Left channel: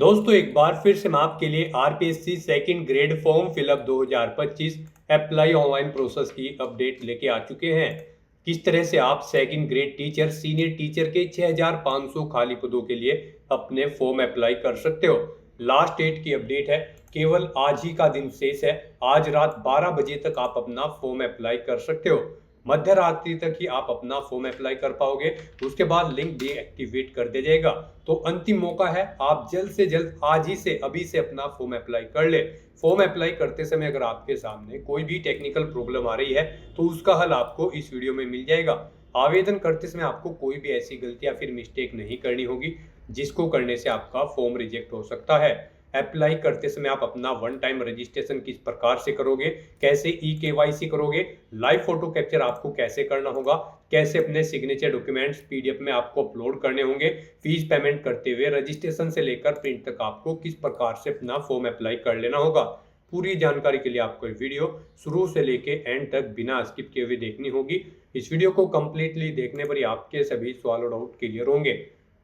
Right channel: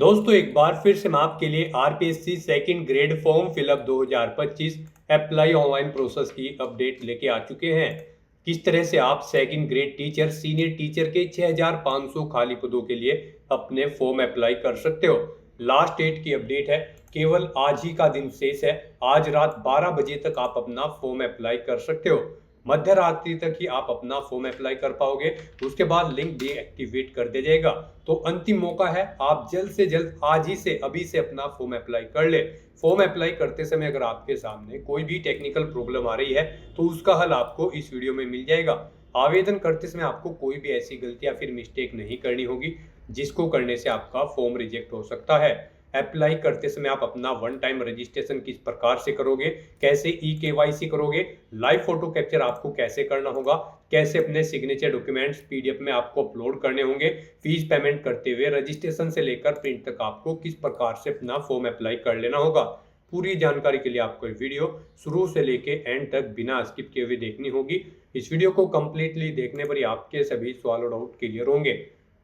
दोस्तों एक बार फिर से हम आपके लिए RPSC second grade form fill up 2025 apply online process की अपडेट लेके आ चुके हैं। किस तरह से आप second grade teacher senior teacher के 6500 खाली पदों के लिए अपने फॉर्म अप्लाई कर सकते हो। लास्ट डेट की अपडेट है, केवल आज ही का दिन शेष है। आज रात 12 बजे तक आप अपना फॉर्म अप्लाई कर सकते हो। मध्य रात्रि तक ही आप अपना फॉर्म अप्लाई कर पाओगे, उसके बाद लिंक डीएक्टिवेट कर दिया जाएगा। तो अंतिम मौका है, आप जल्द से जल्द आज ही से अभी से अपना फॉर्म अप्लाई कर ले। फॉर्म अप्लाई करते समय अगर आपके सामने कोई भी टेक्निकल प्रॉब्लम आ रही है तो उसका हल आपको इस वीडियो में मिल जाएगा। आवेदन करते समय आपको कोई भी ऐसी गलती या फिर मिस्टेक नहीं करनी होगी जिसको करने से आपका फॉर्म रिजेक्ट हो सकता है। अप्लाई करते समय आप अपना वन टाइम रजिस्ट्रेशन किस प्रकार से करोगे, कैसे ई केवाईसी करोगे, लाइव फोटो कैप्चर आपको कैसे करना होगा, कैसे अपने सिग्नेचर डॉक्यूमेंट्स पीडीएफ में आपको अपलोड करने होंगे, फीस पेमेंट करते हुए रजिस्ट्रेशन से लेकर प्रिंट तक आपको किस प्रकार से अपना फॉर्म अप्लाई कर लेना होगा। पूरी जानकारी के लिए आपको वीडियो शुरू से लेके एंड तक बिना स्किप किए हुए देखनी होगी। इस वीडियो को कंप्लीटली देखने पर ही आपके सभी सवाल और डाउट क्लियर होंगे।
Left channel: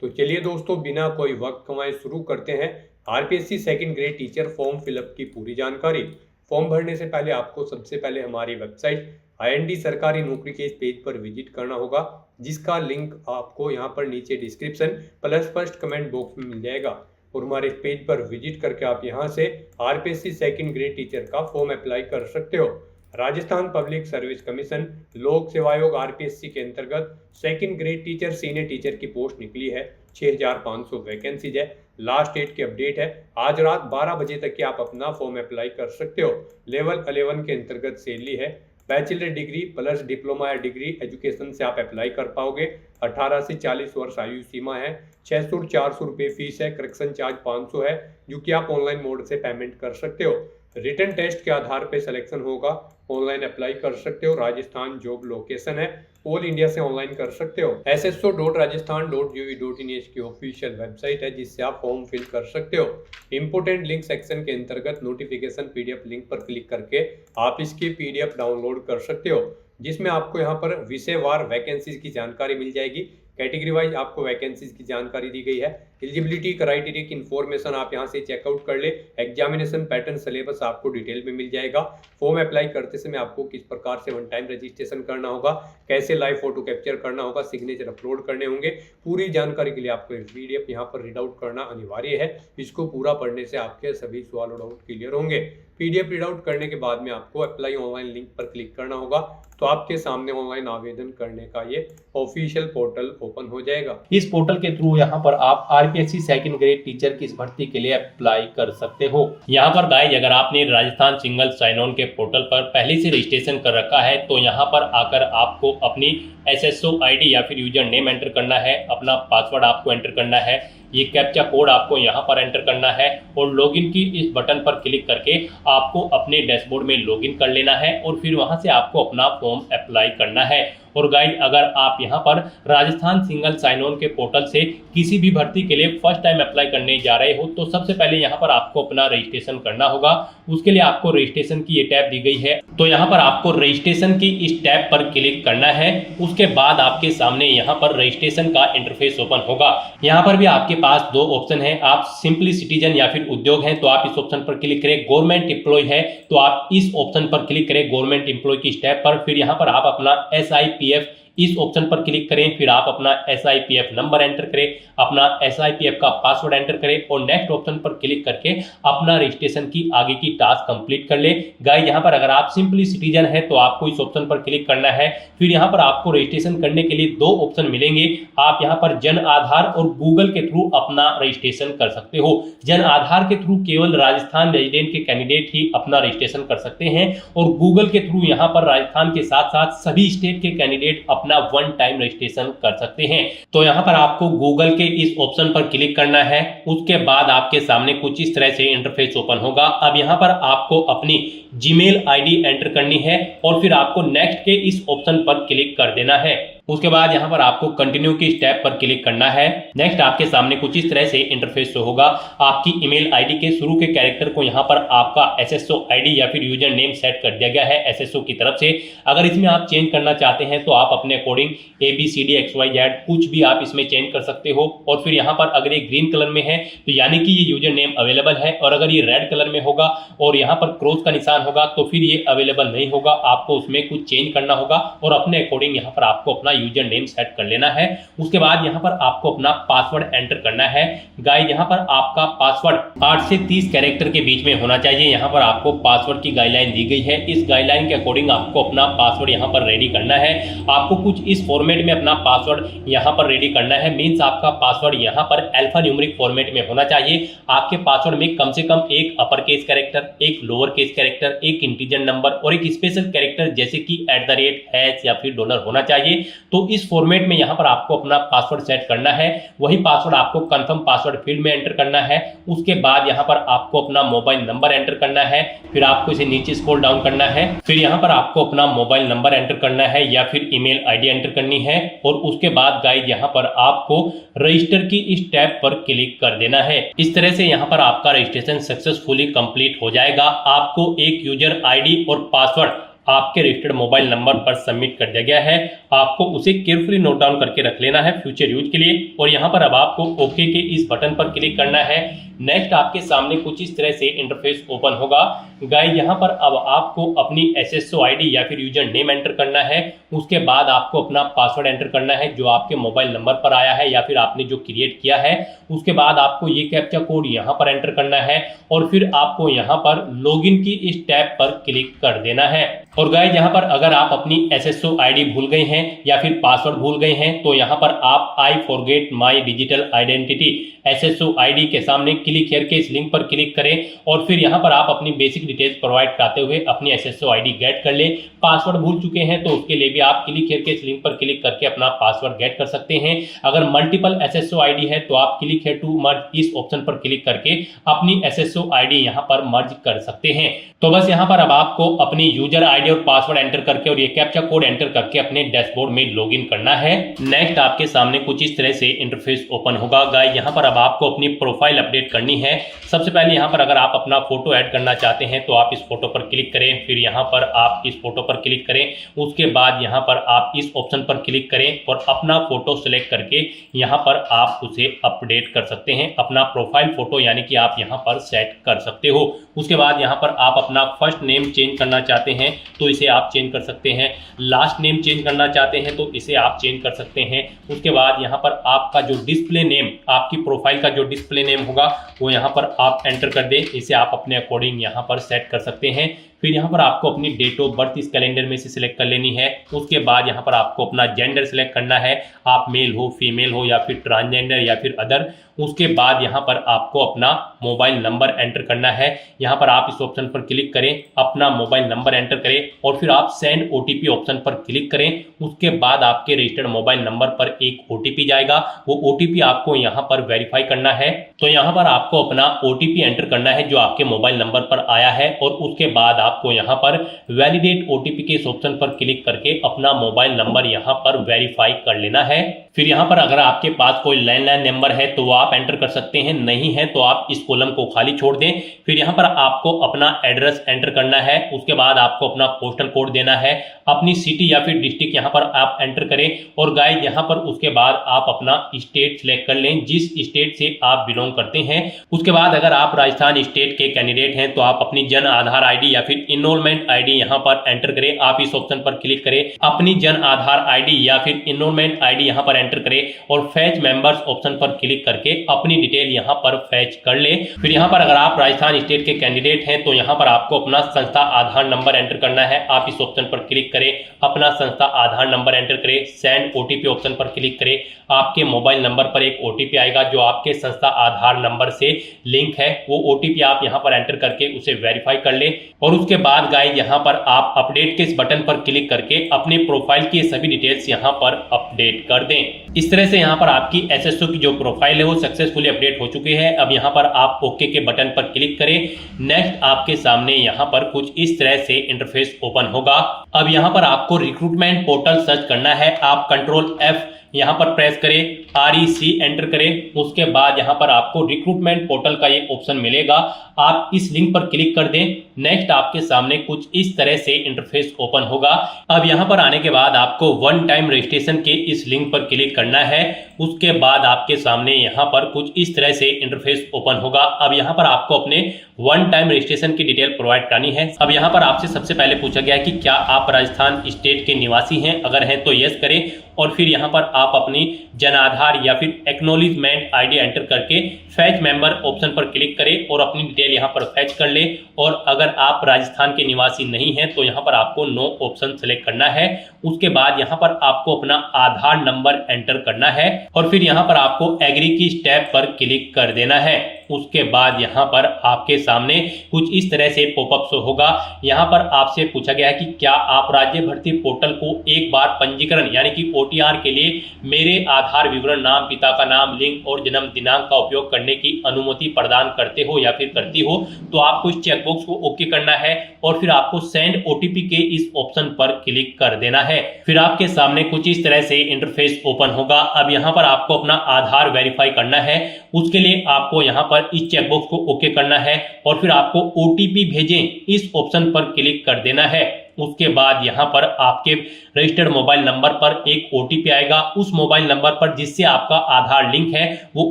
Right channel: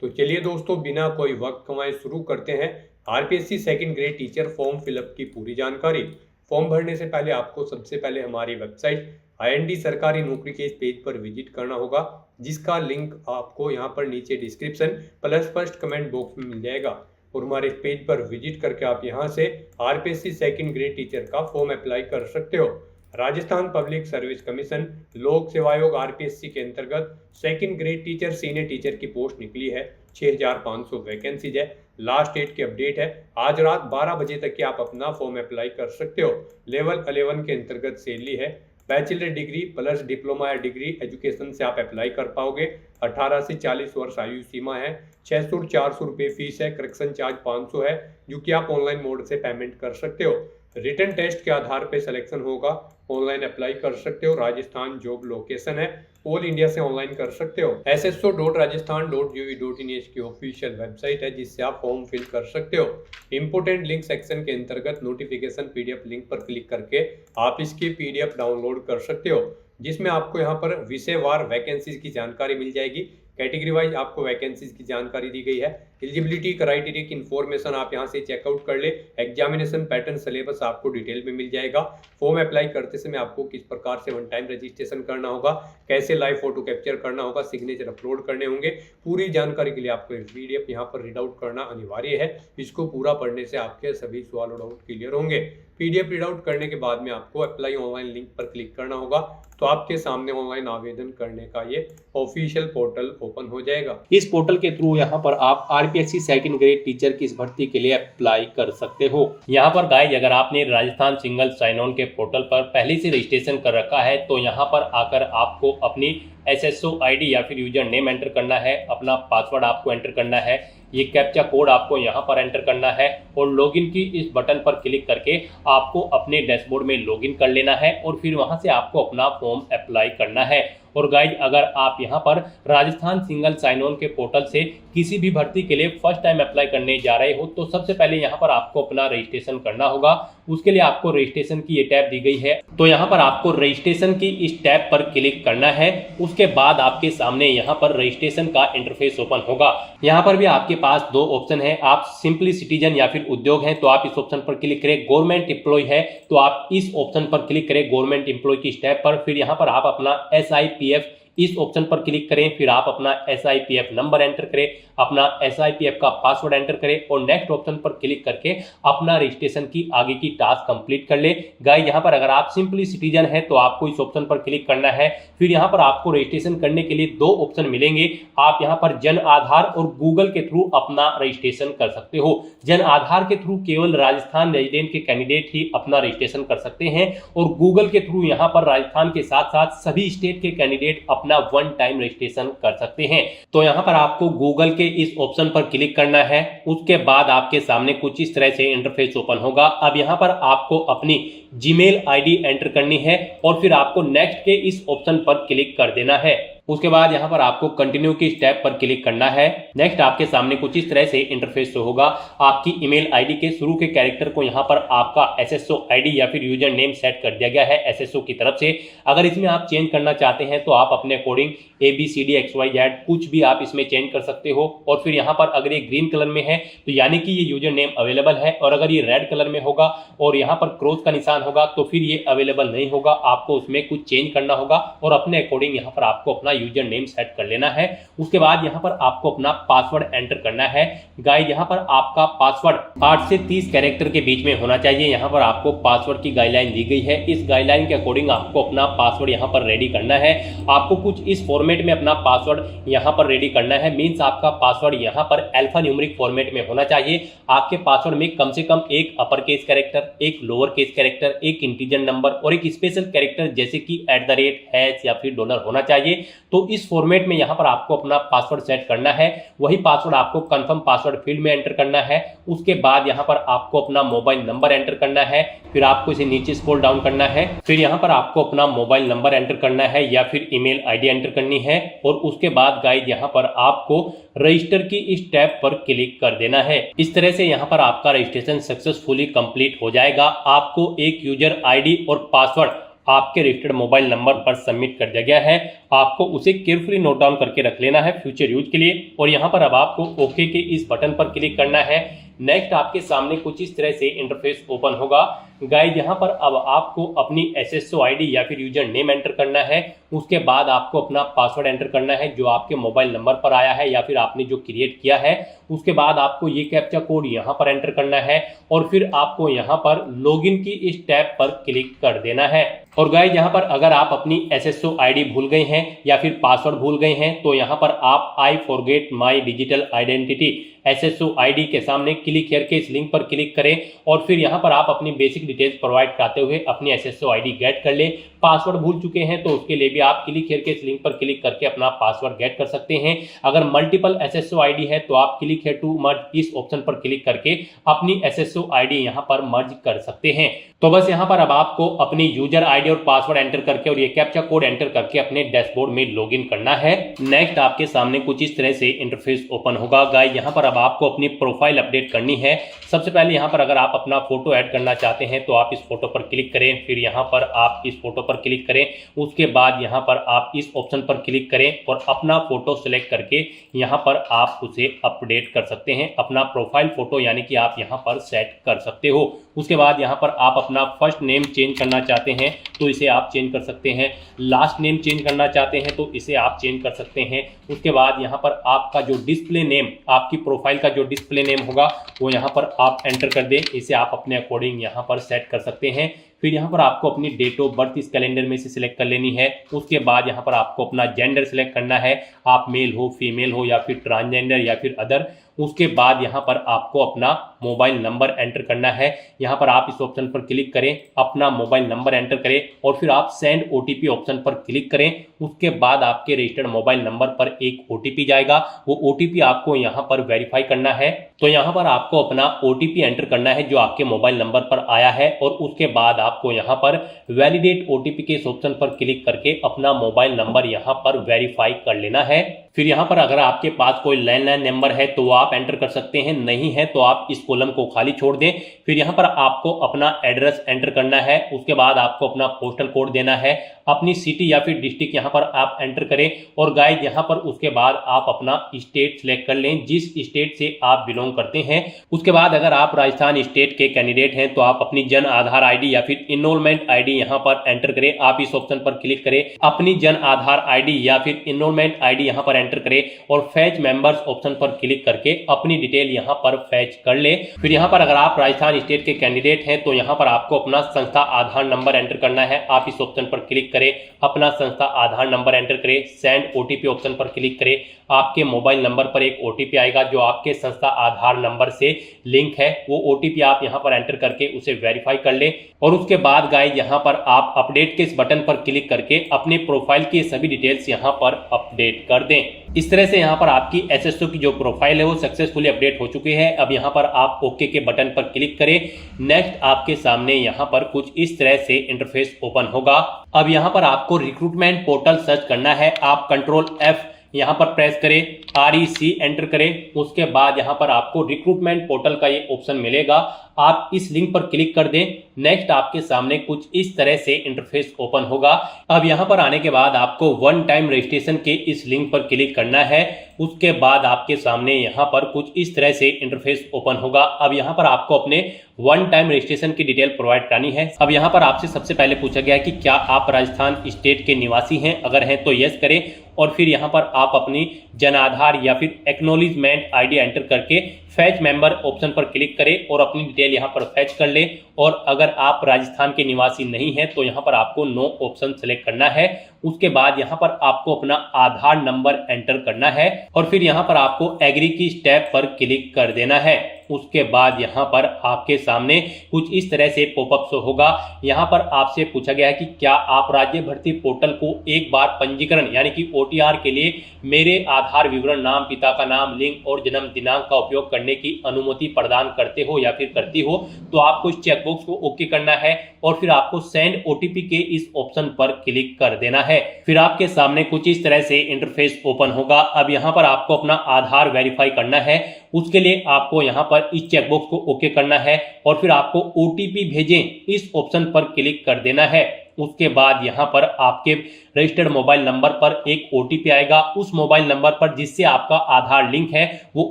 तो चलिए दोस्तों, बिना कोई वक्त कमाए शुरू करते हैं RPSC second grade teacher form fill up की पूरी जानकारी। फॉर्म भरने से पहले आपको सबसे पहले हमारी वेबसाइट आईएनडी सरकारी नौकरी के इस पेज पर विजिट करना होगा, जिसका लिंक आपको यहाँ पर नीचे description plus first comment box में मिल जाएगा। और हमारे पेज पर विजिट करके आप यहाँ से आरपीएससी सेकंड ग्रेड टीचर का फॉर्म अप्लाई कर सकते हो। राजस्थान पब्लिक सर्विस कमीशन लोक सेवा आयोग आरपीएससी के अंतर्गत second grade teacher senior teacher की पोस्ट निकली है। 6500 वैकेंसीज है। लास्ट डेट की अपडेट है, आज रात 12 बजे तक कि आप अपना फॉर्म अप्लाई कर सकते हो। लेवल 11 के अंतर्गत सैलरी है। बैचलर डिग्री प्लस डिप्लोमा या डिग्री एजुकेशन से आप अप्लाई कर पाओगे। 18 से 40 वर्ष आयु सीमा है। 600 और 400 रुपये फीस है। करेक्शन चार्ज 500 है, जो कि आप ऑनलाइन मोड से पेमेंट कर सकते हो। रिटन टेस्ट के आधार पर सिलेक्शन होगा। ऑनलाइन अप्लाई कर सकते हो। राजस्थान जॉब लोकेशन है, ऑल इंडिया से ऑनलाइन कर सकते हो। sso.rajasthan.gov.in की ऑफिशियल वेबसाइट है, जिससे आप फॉर्म फिल कर सकते हो। इंपोर्टेंट लिंक सेक्शन के अंतर्गत नोटिफिकेशन पीडीएफ लिंक पर क्लिक करके आप इसकी पीडीएफ डाउनलोड कर सकते हो, जिसमें आपको यहाँ पर विषयवार वैकेंसीज की जानकारी मिल जाएगी। कैटेगरी वाइज आपको वैकेंसीज की जानकारी दी गई है। एलिजिबिलिटी क्राइटेरिया की इन्फॉर्मेशन आप यहाँ से चेकआउट कर ले। एग्जामिनेशन पैटर्न सिलेबस आपको डिटेल में मिल जाएगा। फॉर्म अप्लाई करते समय आपको किस प्रकार से वन टाइम रजिस्ट्रेशन करना होगा, कैसे लाइव फोटो कैप्चर करना होगा, सिग्नेचर अपलोड करने होंगे। पूरी जानकारी के लिए आपको पीडीएफ यहाँ पर रीड आउट करना अनिवार्य है। इसको पूरा पढ़ने से आपके सभी सवाल और डाउट क्लियर होंगे। पीडीएफ रीड आउट करने के बाद में आपको अप्लाई ऑनलाइन लिंक पर क्लिक करना होगा, तो आपके सामने ऑनलाइन आवेदन करने का ये ऑफिशियल पोर्टल ओपन हो जाएगा। इस पोर्टल के थ्रू यहाँ पर आप आरपीएससी सेकंड ग्रेड टीचर की इस भर्ती के लिए अप्लाई कर सकते हो। यहाँ पर गाइस, अगर आपने राजस्थान सिंगल साइन ऑन के पोर्टल पर पहले से रजिस्ट्रेशन कर रखा है तो यहाँ पर आकर आपको अपनी एसएसओ आईडी या फिर यूजर नेम एंटर करना है, अपना पासवर्ड आपको एंटर करना है, ये कैप्चा कोड आपको यहाँ पर एंटर करना है और लॉगिन की इस बटन पर क्लिक करके आपको अपने डैशबोर्ड में लॉगिन कर लेना है और फिर वहां से आपको अपना फॉर्म अप्लाई करना है। और गाइस, अगर आप यहाँ पर राजस्थान सिंगल साइन ऑन के पोर्टल से किसी भी भर्ती के लिए फर्स्ट टाइम अप्लाई करने जा रहे हो तो सबसे पहले यहाँ पर आपको अपना रजिस्ट्रेशन करना होगा। उसके लिए आपको रजिस्ट्रेशन की ये टैब दी गई है, तो यहाँ पर आपको रजिस्ट्रेशन की इस टैब पर क्लिक करना है। उसके बाद आपके सामने यहाँ पर रजिस्ट्रेशन का इंटरफेस ओपन होगा। यहाँ पर भी आपके पास दो ऑप्शन है, आप सिंपली सिटीजन या फिर उद्योग है तो आप इस ऑप्शन पर क्लिक करें। गवर्नमेंट एम्प्लॉय है तो आप इस ऑप्शन पर क्लिक करें, गवर्नमेंट एम्प्लॉय की टैब पर। फिर यहाँ पर आप अपना SIPF इस ऑप्शन पर क्लिक करें, फिर आप अपना SIPF नंबर एंटर करें, अपना SIPF का पासवर्ड एंटर करें और नेक्स्ट ऑप्शन पर क्लिक करके अपना रजिस्ट्रेशन की आगे की टास्क कंप्लीट कर ले। गाइस, यहाँ पर अगर आप सिंपली सिटीजन है तो आपको इस ऑप्शन पर क्लिक करना है। फिर यहाँ पर आपको रजिस्ट्रेशन करने के लिए दो ऑप्शन मिलेंगे। आप यहाँ पर जन आधार और गूगल के थ्रू अपना रजिस्ट्रेशन कर सकते हो। जन आधार के थ्रू केवल राजस्थान रेजिडेंट के कैंडिडेट ही अपना रजिस्ट्रेशन कर सकते हैं और गूगल के थ्रू यहाँ पर राजस्थान के साथ साथ सभी स्टेट के कैंडिडेट अपना वन टाइम रजिस्ट्रेशन कर सकते हैं। तो यहाँ पर आपको गूगल के इस ऑप्शन पर क्लिक करना है। उसके बाद आपके सामने कुछ इस तरह से इंटरफेस ओपन होगा। अब यहाँ पर आपको अपनी जीमेल आईडी एंटर करनी है और फिर आपको नेक्स्ट के इस ऑप्शन पर क्लिक कर देना है। उसके बाद यहाँ पर आपको कंटिन्यू की स्टेप पर क्लिक करना है। नेक्स्ट आपके सामने कुछ इस तरह से इंटरफेस शो होगा। आपकी ईमेल आईडी के शुरू के कैरेक्टर को यहाँ पर आपका एसएसओ आईडी या फिर यूजर नेम सेट कर दिया गया है एसएसओ की तरफ से। अगर इसमें आप चेंज करना चाहते हैं तो आप अपने अकॉर्डिंग ABCDXYZ कुछ भी आप इसमें चेंज कर सकते हो। और फिर यहाँ पर अगर ये ग्रीन कलर में है तो यानी कि ये यूजर नेम अवेलेबल है, और अगर ये रेड कलर में होगा और यहाँ पर क्रॉस का निशान होगा तो फिर ये अवेलेबल नहीं होगा। आपको उसमें कुछ चेंज करना होगा और अपने अकॉर्डिंग यहाँ पर आपको अपना यूजर नेम सेट कर लेना है। उसके बाद यहाँ पर आपको अपना पासवर्ड एंटर करना है। गाइस यहाँ पर आपका पासवर्ड 8 से 30 कैरेक्टर के बीच में होना चाहिए। यहाँ पर आपको पासवर्ड की गाइडलाइन दी गई है। इस गाइडलाइन के अकॉर्डिंग आपको अपना पासवर्ड यहाँ पर रेडी करना है। आपको कुछ इस फॉर्मेट में अपना पासवर्ड यहाँ पर रेडी करना है। मीन्स आपका पासवर्ड यहाँ पर अल्फा न्यूमेरिक फॉर्मेट में होना चाहिए। आपके पासवर्ड में कम से कम एक अपर केस कैरेक्टर, एक लोअर केस कैरेक्टर, एक इंटीजर नंबर और एक स्पेशल कैरेक्टर जैसे कि @ या फिर डॉलर होना चाहिए। तो इस फॉर्मेट में यहाँ पर आपको अपना पासवर्ड सेट करना है। वही पासवर्ड आपको कंफर्म पासवर्ड फील्ड में एंटर करना है। उसके बाद यहाँ पर आपको अपना मोबाइल नंबर एंटर करना है। फिर आपको इसे नीचे स्क्रॉल डाउन करना है। फिर यहाँ पर आपको अपना मोबाइल नंबर एंटर करना है या फिर ईमेल आईडी एंटर करनी है। और उसके बाद गाइस यहाँ पर आपको रजिस्टर की इस टैब पर क्लिक कर देना है। इस तरह से यहाँ पर आपका रजिस्ट्रेशन सक्सेसफुली कंप्लीट हो जाएगा। आपको एक यूजर आईडी और पासवर्ड आपके रजिस्टर्ड मोबाइल नंबर पर सबमिट कर दिया गया है। आपको उसे केयरफुली नोट डाउन करके रख लेना है फ्यूचर यूज के लिए। और यहाँ पर अब आपको ओके के इस बटन पर क्लिक करना है। नेक्स्ट आपके सामने कुछ इस तरह से इंटरफेस ओपन होगा। गाइस यहाँ पर अब आपको अपनी एसएसओ आईडी या फिर यूजर नेम एंटर करना है। उसके बाद आपको अपना पासवर्ड एंटर करना है जो आपके मोबाइल नंबर पर आया है या फिर आपने जो क्रिएट किया है। उसके बाद आपको ये कैप्चा कोड यहाँ पर एंटर करना है और फिर आपको यहाँ पर लॉगिन की इस टैब पर क्लिक कर देना है। और गाइस यहाँ पर अगर आप अपनी एसएसओ आईडी भूल गए हैं या फिर पासवर्ड भूल गए हैं तो यहाँ पर आप I forget my digital identity SSO ID के सामने क्लिक हियर के इस लिंक पर क्लिक करें और फिर यहाँ पर आप अपनी बेसिक डिटेल्स प्रोवाइड कराते हुए अपनी एसएसओ आईडी गेट कर लें। पासवर्ड भूल चुके हैं तो उसके लिए भी आप क्लिक हियर के इस लिंक पर क्लिक करके अपना पासवर्ड गेट कर सकते हैं। अगर मल्टीपल एसएसओ आईडी है तो आप क्लिक हियर टू मर्ज इस ऑप्शन पर क्लिक करके अपनी एसएसओ आईडी यहाँ पर मर्ज कर सकते हैं। तो बस यहाँ पर अब आपको अपनी यूजर आईडी और पासवर्ड एंटर करके और ये कैप्चा कोड एंटर करके अपने डैशबोर्ड में लॉगिन करना है। नेक्स्ट आपके सामने कुछ इस तरह से इंटरफेस ओपन होगा। गाइस यहाँ पर अब आपको अपनी प्रोफाइल अपडेट करनी है। सबसे पहले यहाँ पर अगर आप अपना फोटो ऐड करना चाहते हैं तो आप इस फोटो पर क्लिक करें। फिर यहाँ पर आप इस फोटो पर क्लिक करें। उसके बाद यहाँ पर आप इस ऑप्शन पर क्लिक करें और अपना फोटो सिलेक्ट करके यहाँ पर आप उसे अपडेट कर सकते हैं। अपना प्रोफाइल फोटो यानी कि आप यहाँ पर सेट कर सकते हो। उसके बाद यहाँ पर आप अपना फर्स्ट नेम चेंज करना चाहते हैं तो इसे आप चेंज कर सकते हैं। लास्ट नेम चेंज करना चाहते हैं तो इसे आप चेंज कर सकते हैं। उसके बाद यहाँ पर आपका जो डिस्प्ले नेम, आपकी प्रोफाइल का जो डिस्प्ले नेम होगा वो यहाँ पर आप एंटर कर दें। इसे आप अपने अकॉर्डिंग यहाँ पर सेट कर सकते हैं। फिर यहाँ पर आपको अपनी डेट ऑफ बर्थ इस कैलेंडर में से सिलेक्ट कर लेनी है। उसके बाद यहाँ पर आपको अपना जेंडर सिलेक्ट करना है, आप मेल हो, फीमेल हो या फिर ट्रांसजेंडर या फिर अदर। उसके बाद यहाँ पर आपको अपना मोबाइल नंबर एंटर करना है। यहाँ पर आप इस ऑप्शन पर क्लिक करें, अपना मोबाइल नंबर एंटर करें और फिर आप सेंड ओटीपी ऑप्शन पर क्लिक करें। उसके बाद आपके रजिस्टर्ड मोबाइल नंबर पर एक ओटीपी जाएगा। वो ओटीपी आपको यहाँ पर वेरीफाई करना है। तो यहाँ पर आपको अपना ओटीपी एंटर करना है जो आपके मोबाइल नंबर पर आया है और उसके बाद आपको यहाँ पर वैलिडेट ओटीपी के इस ऑप्शन पर क्लिक करके अपना मोबाइल नंबर यहाँ पर वेरीफाई कर लेना है। फिर यहाँ पर अगर आपके पास कोई लैंडलाइन नंबर है तो आप एंटर कर सकते हैं, नहीं है तो आप इस कॉलम को खाली छोड़ दें। फिर यहाँ पर आपको अपना एड्रेस एंटर करना है। उसके बाद आपको अपना पोस्टल कोड देना है, अपनी सिटी या फिर डिस्ट्रिक्ट यहाँ पर आप एंटर करें। और गाइस यहाँ पर उसके बाद आप अपना स्टेट सिलेक्ट कर लें, जिस स्टेट से आप बिलोंग करते हैं। उसके बाद अगर आप राजस्थान स्टेट के कैंडिडेट हैं तो आप अपनी जन आधार आईडी या फिर इनरोलमेंट आईडी यहाँ पर एंटर करें। आप इस ऑप्शन पर क्लिक करें, अपनी जन आधार आईडी या फिर इनरोलमेंट आईडी यहाँ पर एंटर करें और फैच मेंबर्स ऑप्शन पर क्लिक करके अपनी डिटेल यहाँ पर फैच कर ले। फिर यहाँ पर अगर आप राजस्थान स्टेट के कैंडिडेट हैं तो यहाँ पर आपको अपना संस्था आधार नंबर एंटर करना है। आप इस ऑप्शन पर क्लिक करें, अपना संस्था आधार नंबर एंटर करें, सेंड ओटीपी ऑप्शन पर क्लिक करें। आपके मोबाइल नंबर पर एक ओटीपी आएगा जो आपके संस्था आधार नंबर से लिंक है। वो ओटीपी आप यहाँ पर एंटर करके उसे वेरीफाई कर लें। और उसके बाद गाइस यहाँ पर आप अपडेट के इस बटन पर क्लिक करके अपनी प्रोफाइल की सभी डिटेल्स यहाँ पर अपडेट कर दें। इस तरह से यहाँ पर आपकी एसएसओ की जो प्रोफाइल है वो सक्सेसफुली अपडेट हो चुकी है। अब यहाँ पर आप ओके के बटन पर क्लिक करें। नेक्स्ट आपके सामने यहाँ पर कुछ इस तरह से इंटरफेस ओपन होगा। अब यहाँ पर आपको रिक्रूटमेंट पोर्टल सर्च करना है। आप कंट्रोल F यहाँ पर प्रेस करें, REC एंटर करें। उसके बाद यहाँ पर आपको रिक्रूटमेंट पोर्टल का ये ऑप्शन मिलेगा, आप इस लिंक पर क्लिक कर दें। नेक्स्ट आपके सामने कुछ इस तरह से इंटरफेस ओपन होगा। अब यहाँ पर आने के बाद आपको वन टाइम रजिस्ट्रेशन के इस लिंक पर क्लिक करना है। उसके बाद आपके सामने यहाँ पर कुछ इस तरह से इंटरफेस ओपन होगा। अब यहाँ पर आपको अपने वन टाइम रजिस्ट्रेशन की डिटेल प्रोवाइड करनी है। अब यहाँ पर आपसे सबसे पहले पूछा गया है कि क्या आप राजस्थान स्टेट के निवासी हैं, अगर हैं तो यस करें और फिर यहाँ पर आप अपनी जन आधार या फिर एक्नॉलेजमेंट आईडी एंटर करके फैच मेंबर ऑप्शन पर क्लिक करें और अपनी डिटेल यहाँ पर फैच कर ले। और अगर आप राजस्थान के निवासी नहीं हैं तो यहाँ पर आपको नो ऑप्शन सेलेक्ट करना है। उसके बाद यहाँ पर आपको अपना आधार नंबर एंटर करना है और फिर यहाँ पर आपको एग्री की स्टेप पर क्लिक कर देना है। उसके बाद यहाँ पर आपके सामने कुछ इस तरह से पॉपअप शो होगा। यहाँ पर आपसे पूछा गया है कि क्या आप राज्य भर्ती पोर्टल को एक बार पंजीकरण यानी कि OTR के लिए मेरे आधार विवरण, नाम, पिता का नाम, लिंग और जन्म दिनांक का उपयोग करने की अनुमति प्रदान करते हो या फिर करती हो। तो आपको इस चेकबॉक्स को ओके करना है और फिर आपको सेंड OTP के इस ऑप्शन पर क्लिक कर देना है। फिर आपके सामने कुछ इस तरह से इंटरफेस ओपन होगा। अब यहाँ पर आपको अपना आधार वेरीफाई करना है। उसके लिए आपको यहाँ पर इस चेकबॉक्स को ओके करना है और फिर आपको OTP भेजें इस ऑप्शन पर क्लिक कर देना है। उसके बाद यहाँ पर आपके रजिस्टर्ड मोबाइल नंबर पर एक OTP आएगा। उस मोबाइल नंबर पर जिससे आपका आधार लिंक है वो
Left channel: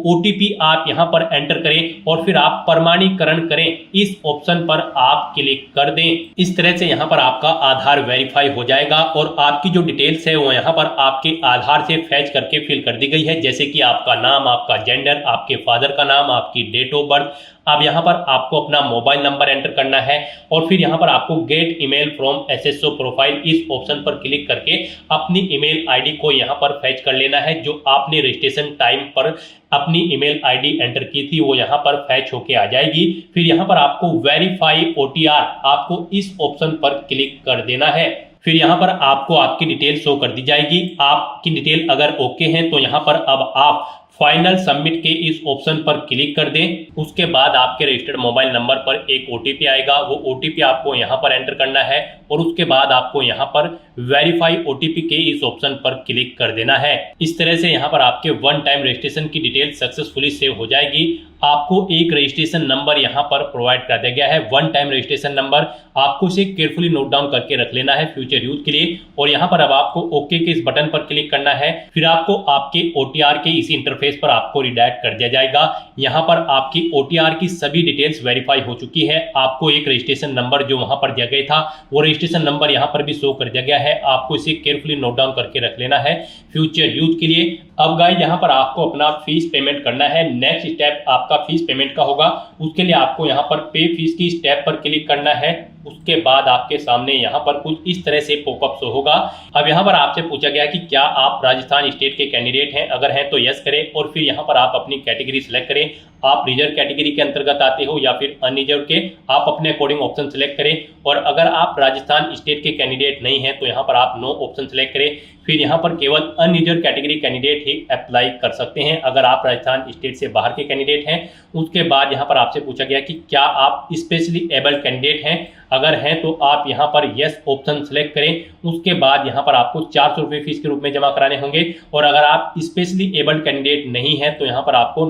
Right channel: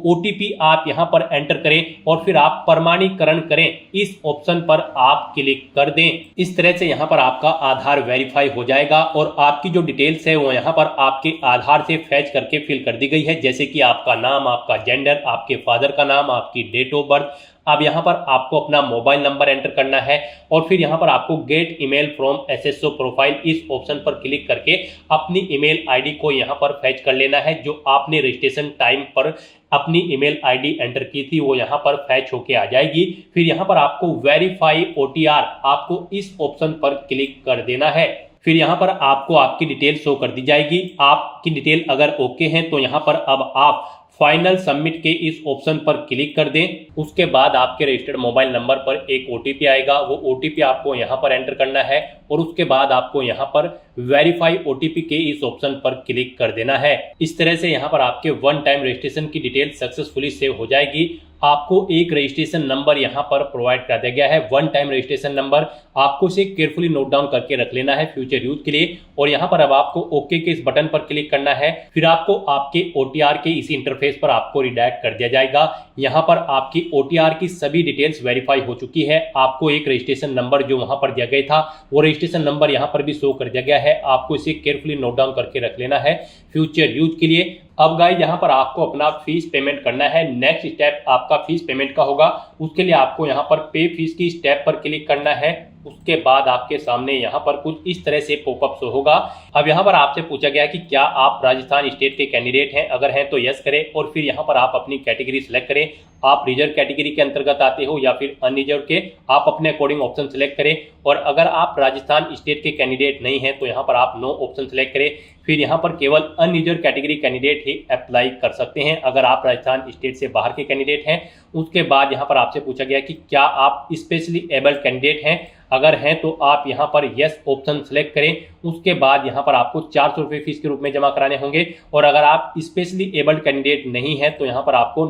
OTP आप यहाँ पर एंटर करें और फिर आप प्रमाणीकरण करें इस ऑप्शन पर आप क्लिक कर दें। इस तरह से यहाँ पर आपका आधार वेरीफाई हो जाएगा और आपकी जो डिटेल्स है वो यहाँ पर आपके आधार से फैच करके फिल कर दी गई है, जैसे कि आपका नाम, आपका जेंडर, आपके फादर का नाम, आपकी डेट ऑफ बर्थ। अब यहाँ पर आपको अपना मोबाइल नंबर एंटर करना है और फिर यहाँ पर आपको gate email from SSO profile इस ऑप्शन पर क्लिक करके अपनी ईमेल आईडी को यहाँ पर फैच कर लेना है। जो आपने रजिस्ट्रेशन टाइम पर अपनी ईमेल आईडी एंटर की थी वो यहाँ पर फैच होके आ जाएगी। फिर यहाँ पर आपको वेरीफाई OTR आपको इस ऑप्शन पर क्लिक कर देना है। फिर यहाँ पर आपको आपकी डिटेल शो कर दी जाएगी। आपकी डिटेल अगर ओके है तो यहाँ पर अब आप फाइनल सबमिट के इस ऑप्शन पर क्लिक कर दें। उसके बाद आपके रजिस्टर्ड मोबाइल नंबर पर एक OTP आएगा। वो OTP आपको यहाँ पर एंटर करना है और उसके बाद आपको यहाँ पर वेरीफाई OTP के इस ऑप्शन पर क्लिक कर देना है। इस तरह से यहाँ पर आपके वन टाइम रजिस्ट्रेशन की डिटेल सक्सेसफुली सेव हो जाएगी। आपको एक रजिस्ट्रेशन नंबर यहाँ पर प्रोवाइड कर दिया गया है, वन टाइम रजिस्ट्रेशन नंबर। आपको इसे केयरफुली नोट डाउन करके रख लेना है फ्यूचर यूज के लिए। और यहाँ पर अब आपको ओके के इस बटन पर क्लिक करना है। फिर आपको आपके OTR के इसी इंटरफेस पर आपको रिडायरेक्ट कर दिया जाएगा। यहाँ पर आपकी OTR की सभी डिटेल्स वेरीफाई हो चुकी है। आपको एक रजिस्ट्रेशन नंबर जो वहां पर दिया गया था वो रजिस्ट्रेशन नंबर यहाँ पर भी शो कर दिया गया है। आपको इसे केयरफुली नोट डाउन करके रख लेना है फ्यूचर यूज के लिए। अब गाइस यहाँ पर आपको अपना फीस पेमेंट करना है। नेक्स्ट स्टेप आपका फीस पेमेंट का होगा। उसके लिए आपको यहाँ पर पे फीस की स्टेप पर क्लिक करना है। उसके बाद आपके सामने यहाँ पर कुछ इस तरह से पॉपअप शो होगा। अब यहाँ पर आपसे पूछा गया कि क्या आप राजस्थान स्टेट के कैंडिडेट हैं, अगर हैं तो यस करें और फिर यहाँ पर आप अपनी कैटेगरी सिलेक्ट करें। आप रिजर्व कैटेगरी के अंतर्गत आते हो या फिर अनरिजर्व के, आप अपने अकॉर्डिंग ऑप्शन सेलेक्ट करें। और अगर आप राजस्थान स्टेट के कैंडिडेट नहीं हैं तो यहाँ पर आप नो ऑप्शन सेलेक्ट करें। फिर यहाँ पर केवल अनरिजर्व कैटेगरी कैंडिडेट ही अप्लाई कर सकते हैं अगर आप राजस्थान स्टेट से बाहर के कैंडिडेट हैं। उसके बाद यहाँ पर आपसे पूछा गया कि क्या आप स्पेशली एबल्ड कैंडिडेट हैं, अगर हैं तो आप यहाँ पर यस ऑप्शन सेलेक्ट करें। उसके बाद यहाँ पर आपको 400 रुपये फीस के रूप में जमा कराने होंगे। और अगर आप स्पेशली एबल्ड कैंडिडेट नहीं है तो यहाँ पर आपको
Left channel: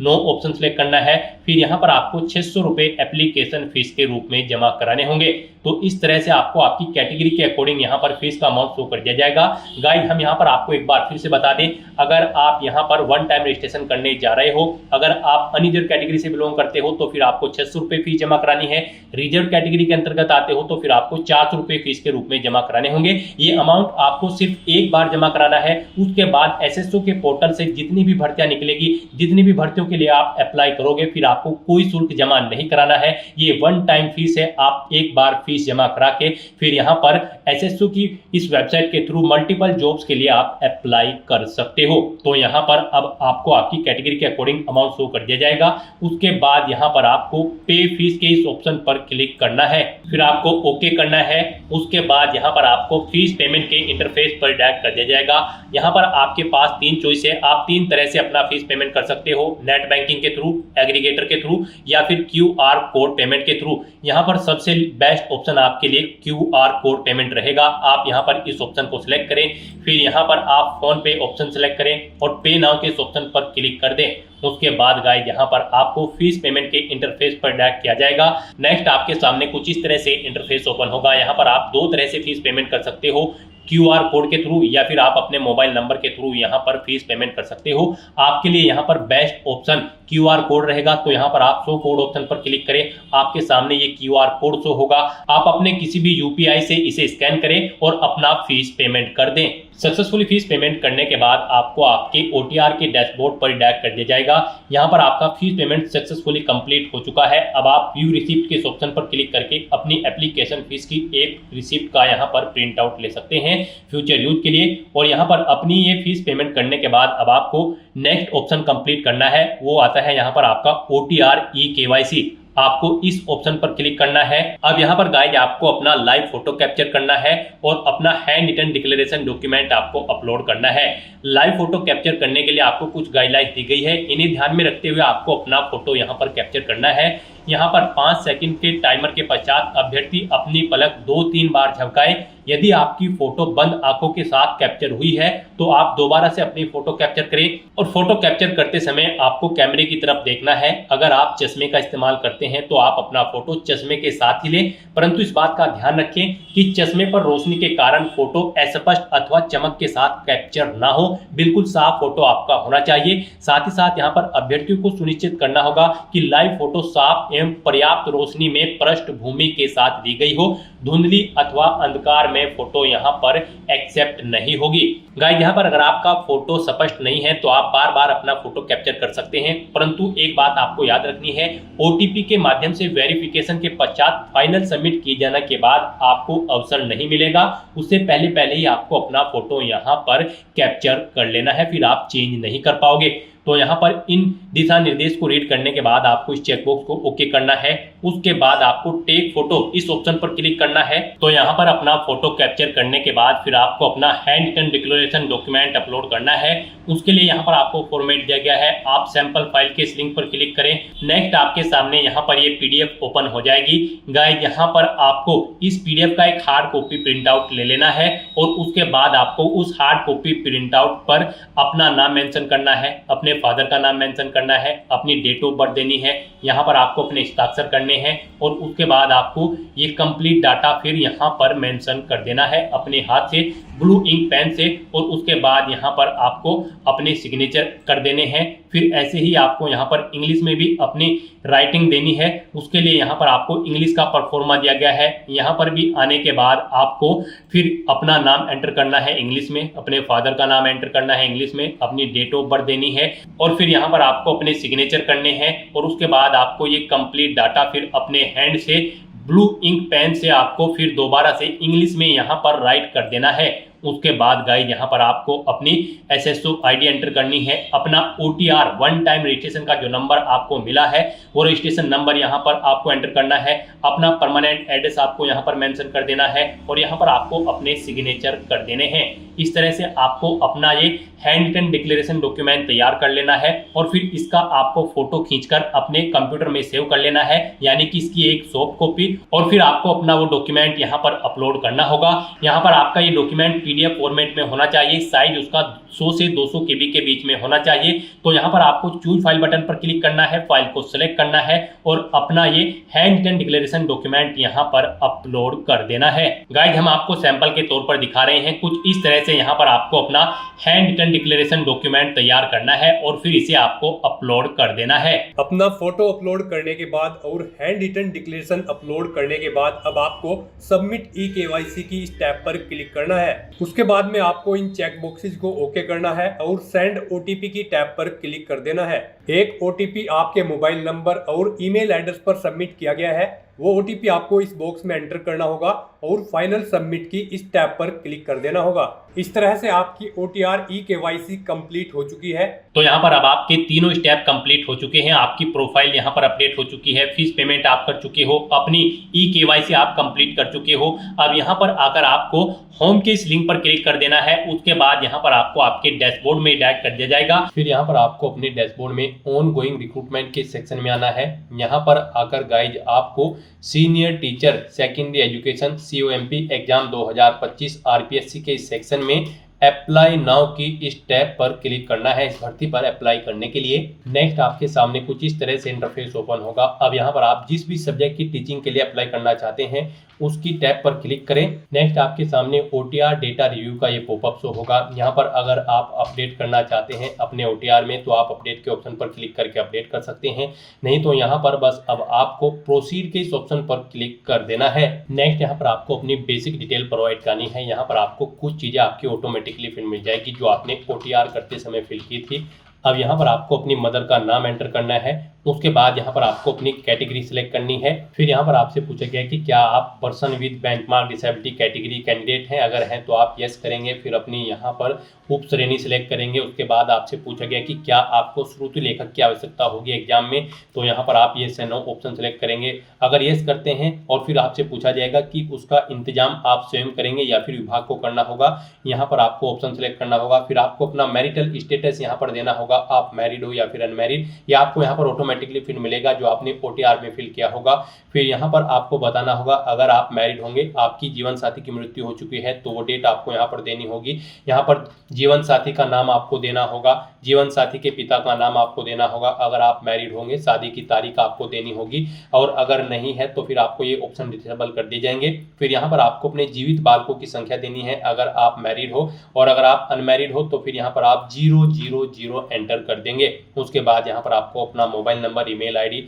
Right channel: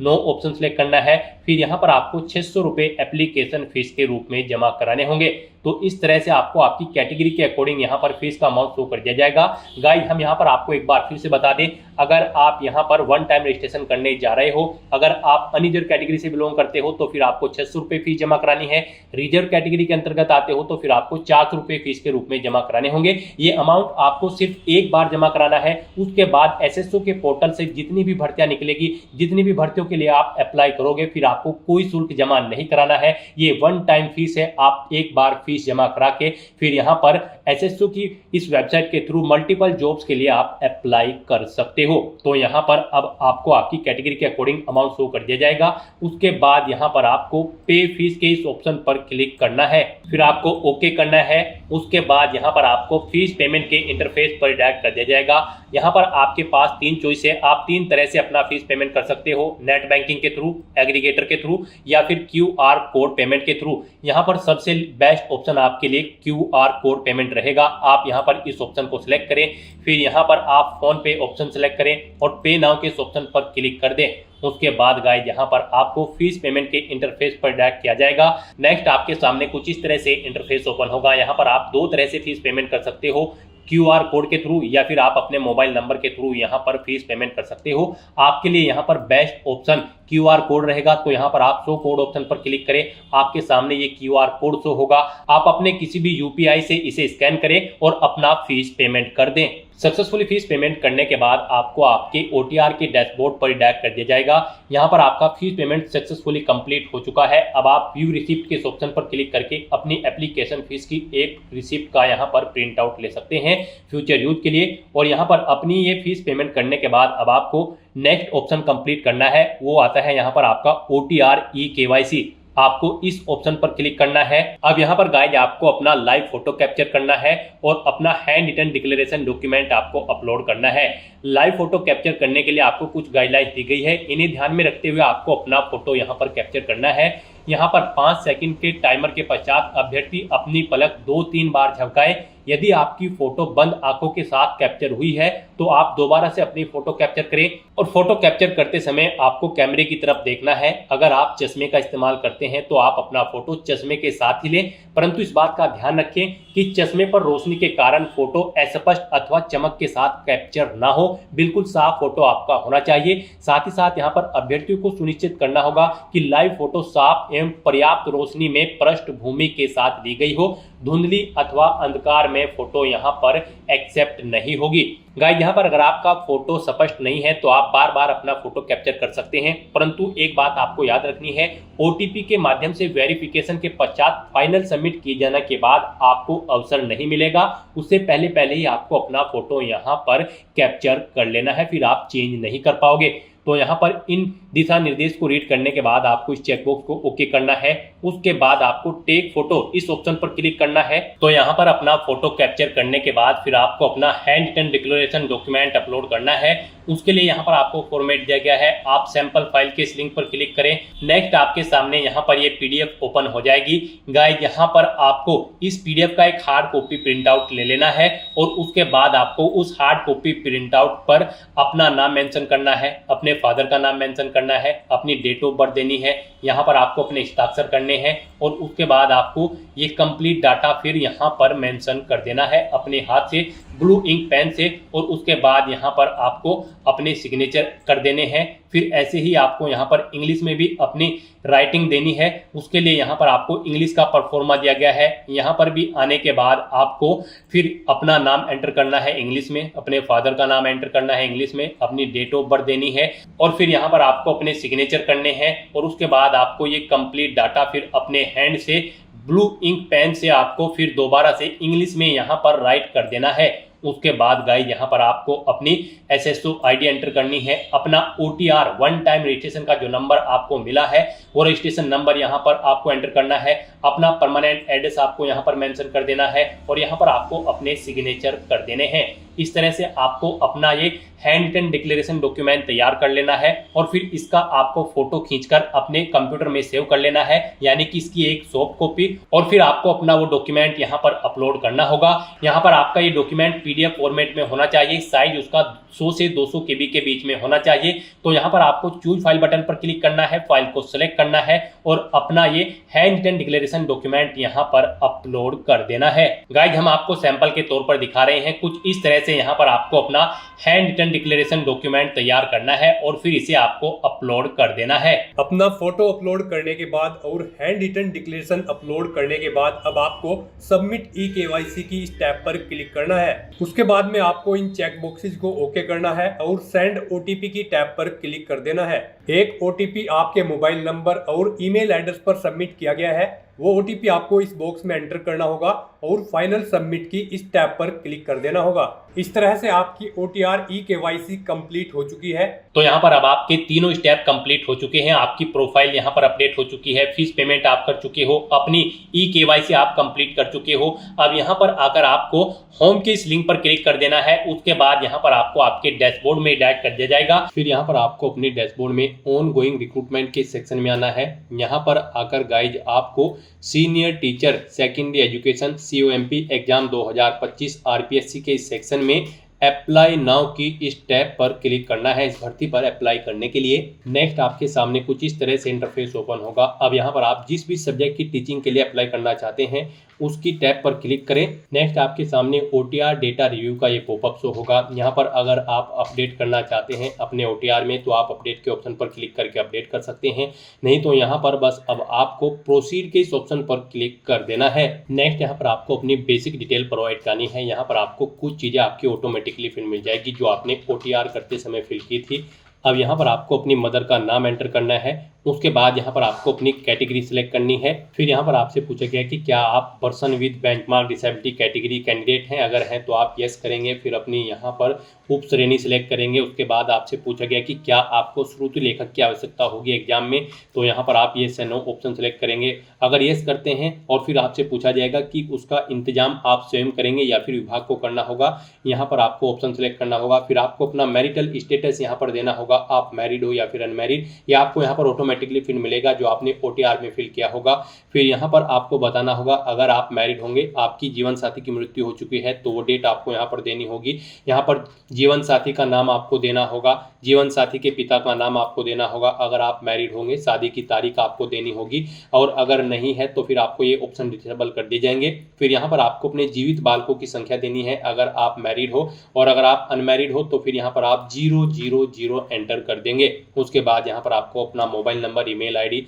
नो ऑप्शन सेलेक्ट करना है। फिर यहाँ पर आपको 600 रुपये एप्लीकेशन फीस के रूप में जमा कराने होंगे। तो इस तरह से आपको आपकी कैटेगरी के अकॉर्डिंग यहाँ पर फीस का अमाउंट शो कर दिया जाएगा। गाइस हम यहाँ पर आपको एक बार फिर से बता दें, अगर आप यहाँ पर वन टाइम रजिस्ट्रेशन करने जा रहे हो, अगर आप अनरिजर्व कैटेगरी से बिलोंग करते हो तो फिर आपको 600 रुपये फीस जमा करानी है। रिजर्व कैटेगरी के अंतर्गत आते हो तो फिर आपको 400 रुपये फीस के रूप में जमा कराने होंगे। ये अमाउंट आपको सिर्फ एक बार जमा कराना है। उसके बाद SSO के पोर्टल से जितनी भी भर्तियां निकलेगी, जितनी भी भर्तियों के लिए आप अप्लाई करोगे, फिर आपको कोई शुल्क जमा नहीं कराना है। ये वन टाइम फीस है। आप एक बार फीस जमा करा के फिर यहाँ पर SSO की इस वेबसाइट के थ्रू मल्टीपल जॉब्स के लिए आप अप्लाई कर सकते हो। तो यहाँ पर अब आपको आपकी कैटेगरी के अकॉर्डिंग अमाउंट शो कर दिया जाएगा। उसके बाद यहाँ पर आपको पे फीस के इस ऑप्शन पर क्लिक करना है। फिर आपको ओके करना है। उसके बाद यहाँ पर आपको फीस पेमेंट के इंटरफेस पर डायरेक्ट कर दिया जाएगा। यहाँ पर आपके पास 3 चॉइस है, आप 3 तरह से अपना फीस पेमेंट कर सकते हो, नेट बैंकिंग के थ्रू, एग्रीगेटर के थ्रू या फिर QR कोड पेमेंट के थ्रू। यहाँ पर सबसे बेस्ट ऑप्शन आपके लिए QR कोड पेमेंट रहेगा। आप यहाँ पर इस ऑप्शन को सिलेक्ट करें, फिर यहाँ पर आप फोन पे ऑप्शन सिलेक्ट करें और पे नाउ के इस ऑप्शन पर क्लिक कर दें। उसके बाद गाइस यहाँ पर आपको फीस पेमेंट के इंटरफेस पर डायरेक्ट किया जाएगा। नेक्स्ट आपके सामने कुछ इस तरह से इंटरफेस ओपन होगा। यहाँ पर आप 2 तरह से फीस पेमेंट कर सकते हो, QR कोड के थ्रू या फिर आप अपने मोबाइल नंबर के थ्रू यहाँ पर फीस पेमेंट कर सकते हो। आपके लिए यहाँ पर बेस्ट ऑप्शन QR कोड रहेगा, तो यहाँ पर आप शो कोड ऑप्शन पर क्लिक करें, आपके सामने ये QR कोड शो होगा। आप अपने किसी भी UPI से इसे स्कैन करें और अपना फीस पेमेंट कर दें। सक्सेसफुली फीस पेमेंट करने के बाद आपको आपके OTR के डैशबोर्ड पर डायरेक्ट कर दिया जाएगा। यहाँ पर आपका फीस पेमेंट सक्सेसफुली कंप्लीट हो चुका है। अब आप व्यू रिसिप्ट के इस ऑप्शन पर क्लिक करके अपनी एप्लीकेशन फीस की एक रिसिप्ट का यहाँ पर प्रिंट आउट ले सकते हैं फ्यूचर यूज के लिए। और यहाँ पर अपनी ये फीस पेमेंट करने के बाद अब आपको नेक्स्ट ऑप्शन कंप्लीट करना है, वो आता है यहाँ पर आपका OTR eKYC। आपको इस ऑप्शन पर क्लिक करना है। अब यहाँ पर गाइस आपको अपना लाइव फोटो कैप्चर करना है और अपना हैंड रिटन डिक्लेरेशन डॉक्यूमेंट आपको अपलोड करना है। लाइव फोटो कैप्चर करने के लिए आपको कुछ गाइडलाइंस दी गई है, इन्हें ध्यान में रखते हुए आपको अपना फोटो यहाँ पर कैप्चर करना है। यहाँ पर 5 सेकंड के टाइमर के पश्चात अभ्यर्थी अपनी पलक 2-3 बार झपकाए। यदि आपकी फोटो बंद आंखों के साथ कैप्चर हुई है तो आप दोबारा से अपनी फोटो कैप्चर करें और फोटो कैप्चर करते समय आपको कैमरे की तरफ देखना है। अगर आप चश्मे का इस्तेमाल करते हैं तो आप अपना फोटो चश्मे के साथ ही लें, परंतु इस बात का ध्यान रखें कि चश्मे पर रोशनी के कारण फोटो अस्पष्ट अथवा चमक के साथ कैप्चर ना हो। बिल्कुल साफ फोटो आपका होना चाहिए। साथ ही साथ यहाँ पर अभ्यर्थियों को सुनिश्चित करना होगा कि लाइव फोटो साफ एवं पर्याप्त रोशनी में पृष्ठभूमि के साथ ली गई हो। धुंधली अथवा अंधकार में फोटो यहाँ पर एक्सेप्ट नहीं होगी। गाइस यहाँ पर अगर आपका फोटो स्पष्ट नहीं है तो आप बार बार अपना फोटो कैप्चर कर सकते हैं, परंतु एक बात आपको याद रखनी है, OTP के माध्यम से वेरिफिकेशन के पश्चात फाइनल सबमिट किए जाने के बाद आपको अवसर नहीं मिलेगा। उससे पहले ही आपको अपना फोटो यहाँ पर कैप्चर कर लेना है, फिर आप चेंज नहीं कर पाओगे। तो यहाँ पर इन दिशा निर्देश को रीड करने के बाद आपको इस चेकबॉक्स को ओके करना है। उसके बाद आपको टेक फोटो इस ऑप्शन पर क्लिक करना है। तो यहाँ पर अपना फोटो कैप्चर करने के बाद फिर आपको अपना hand written declaration document upload करना है। उसके लिए यहाँ पर आपको फॉर्मेट दिया गया है, आप सैंपल फाइल के इस लिंक पर क्लिक करें। नेक्स्ट आपके सामने यहाँ पर ये PDF ओपन हो जाएगी। गाइस यहाँ पर आपको इस PDF का एक हार्ड कॉपी प्रिंट आउट ले लेना है और उसके बाद आपको उस हार्ड कॉपी प्रिंट आउट पर अपना नाम मेंशन करना है, अपने फादर का नाम मेंशन करना है, अपनी डेट ऑफ बर्थ देनी है, यहाँ पर आपको अपने हस्ताक्षर करने हैं और उसके बाद आपको ये कंप्लीट डाटा फिर यहाँ पर मेंशन कर देना है अपने हाथ से ब्लू इंक पेन से। और उसके बाद यहाँ पर आपको अपने सिग्नेचर कर देने हैं। फिर ऐसे ही आपको यहाँ पर इंग्लिश में भी अपनी राइटिंग देनी है। उसके लिए यहाँ पर आपको इंग्लिश का परफॉर्मा दिया गया है। यहाँ पर भी आने के बाद आपको फिर अपना नाम एंटर करना है इंग्लिश में, अपने फादर का नाम एंटर करना है इंग्लिश में, अपनी डेट ऑफ बर्थ देनी है और फिर यहाँ पर आपको अपने सिग्नेचर करने हैं। और उसके बाद आपको ये कंप्लीट डाटा फिर अपने हैंड से ब्लू इंक पेन से आपको फिर दोबारा से इंग्लिश में यहाँ पर राइट कर देना है। उसके बाद गाइस यहाँ पर आपको अपनी SSO ID एंटर करनी है, अपना OTR वन टाइम रजिस्ट्रेशन का जो नंबर आपको मिला है वो रजिस्ट्रेशन नंबर यहाँ पर आपको एंटर करना है, अपना परमानेंट एड्रेस आपको यहाँ पर मेंशन कर देना है और यहाँ पर आपको अपने सिग्नेचर कर देने हैं। इस तरह से आपको अपना ये हैंड रिटन डिक्लेरेशन डॉक्यूमेंट तैयार कर लेना है और फिर इसका आपको फोटो खींचकर अपने कंप्यूटर में सेव कर लेना है, यानी कि इसकी एक सॉफ्ट कॉपी। और फिर आपको अपना वो डॉक्यूमेंट यहाँ पर अपलोड करना होगा। यहाँ पर आपका ये डॉक्यूमेंट PDF फॉर्मेट में होना चाहिए, साइज उसका 100 से 200 KB के बीच में होना चाहिए। तो यहाँ पर आपको चूज फाइल बटन पर क्लिक करना है, फाइल को सिलेक्ट करना है और अपना ये हैंड रिटन डिक्लेरेशन डॉक्यूमेंट यहाँ पर अपलोड कर देना है। गाइस हम आपको सैंपल के तौर पर दिखा रहे हैं, कुछ इस तरह से यहाँ पर आपको अपना हैंड रिटन डिक्लेरेशन डॉक्यूमेंट तैयार करना है और फिर इसे आपको अपलोड कर देना है। अपना फोटो अपलोड करने के बाद और हैंड रिटन डिक्लेरेशन अपलोड करने के बाद अब आपको सबमिट eKYC की स्टेप पर क्लिक करना है। उसके बाद में आपको इन चेक बॉक्सेस को ओके करना है और सेंड OTP की टैब पर क्लिक कर देना है। एक OTP आपके मोबाइल नंबर और ईमेल एड्रेस पर सबमिट किया गया है। वो OTP आपको इस बॉक्स में एंटर करना होगा और फाइनल सबमिट की इस टैब पर क्लिक कर देना होगा। इस तरह से आपकी OTR eKYC कंप्लीट हो चुकी है। तो यहाँ पर अब आपके तीनों स्टेप कंप्लीट हो चुके हैं। आपकी प्रोफाइल यहाँ पर अपडेट हो चुकी है, फीस पेमेंट आप कर चुके हो, अपनी eKYC आप कंप्लीट कर चुके हो। अब यहाँ पर आकर आपको होम के इस लिंक पर क्लिक कर देना है। उसके बाद यहाँ पर आपको आपके डैशबोर्ड में डायरेक्ट कर दिया जाएगा। फिर यहाँ पर आपको अपने डैशबोर्ड में ऑन गोइंग रिक्रूटमेंट के सेक्शन में आना है। यहाँ पर आकर गाइज आपको senior teacher secondary education COMP exam 2025 RPSC के इस सेक्शन में अप्लाई नाउ की इस टैब पर क्लिक करना है। इस भर्ती पर अप्लाई करने के लिए नेक्स्ट आपके सामने कुछ इस तरह से इंटरफेस ओपन होगा। अब यहाँ पर आप जिस भी सब्जेक्ट की टीचिंग के लिए अप्लाई करना चाहते हैं उसकी टैब पर क्लिक करें। नेक्स्ट आपके सामने OTR डेटा रिव्यू का ये पॉपअप शो होगा। यहाँ पर अगर आप अपडेट करना चाहते हैं अपने OTR में तो आप अपडेट के ऑप्शन पर क्लिक करके अपडेट कर सकते हैं, नहीं तो यहाँ पर बस अब आपको प्रोसीड के इस ऑप्शन पर क्लिक कर देना है। नेक्स्ट यहाँ पर आपको अपनी बेसिक डिटेल प्रोवाइड करनी है। यहाँ पर आपको कुछ चीज़ें आपकी ऑटोमेटिकली फिल मिल जाएगी जो आपने OTR करते समय फिल की थी। अब यहाँ पर आपको अपनी मदर का नाम एंटर करना है। उसके बाद यहाँ पर आपको अपनी कैटेगरी सिलेक्ट करनी है। फिर यहाँ पर आपसे पूछा गया कि क्या आप person with benchmark disability category candidate हैं, अगर हैं तो आप यस करेंगे। फिर अपनी यहाँ पर उप श्रेणी सिलेक्ट करेंगे। उसके बाद आपसे पूछा गया कि क्या आपको श्रुति लेखक की आवश्यकता होगी एग्जाम में, तो यहाँ पर आप यस या नो ऑप्शन सेलेक्ट करेंगे। अगर यस करते हैं और फिर आपसे पूछा जाएगा कि उसका इंतजाम आप स्वयं करेंगे या फिर विभाग को करना होगा, यहाँ पर आपको ऑप्शन सेलेक्ट करना होगा। फिर आपको अपना मैरिटल स्टेटस यहाँ पर देना होगा, आप मैरिड हो या फिर अनमैरिड, या आपको यहाँ पर ऑटोमेटिकली फिर मिलेगा जो आपने OTR में फिल किया होगा। फिर यहाँ पर आपको बताना होगा अगर आप मैरिड होंगे, आपकी जीवन साथी की मृत्यु हो चुकी है तो वो डेट आपको यहाँ पर देनी होगी। यहाँ पर जीवन साथी का नाम आपको देना होगा, जीवन साथी के पिता का नाम आपको देना होगा। अगर आप मैरिड होंगे शादी की तारीख आपको देनी होगी, और अगर नहीं है तो फिर आपको ये ऑप्शन डिसेबल कर दिए जाएंगे। फिर यहाँ पर आपको अपने जीवित बालकों की संख्या देनी है अगर आप मैरिड हो, और अगर आप अनमैरिड हो तो फिर यहाँ पर आप 000 एंटर कर देंगे। उसके बाद यहाँ पर आपको अपना मोबाइल नंबर, ईमेल ID,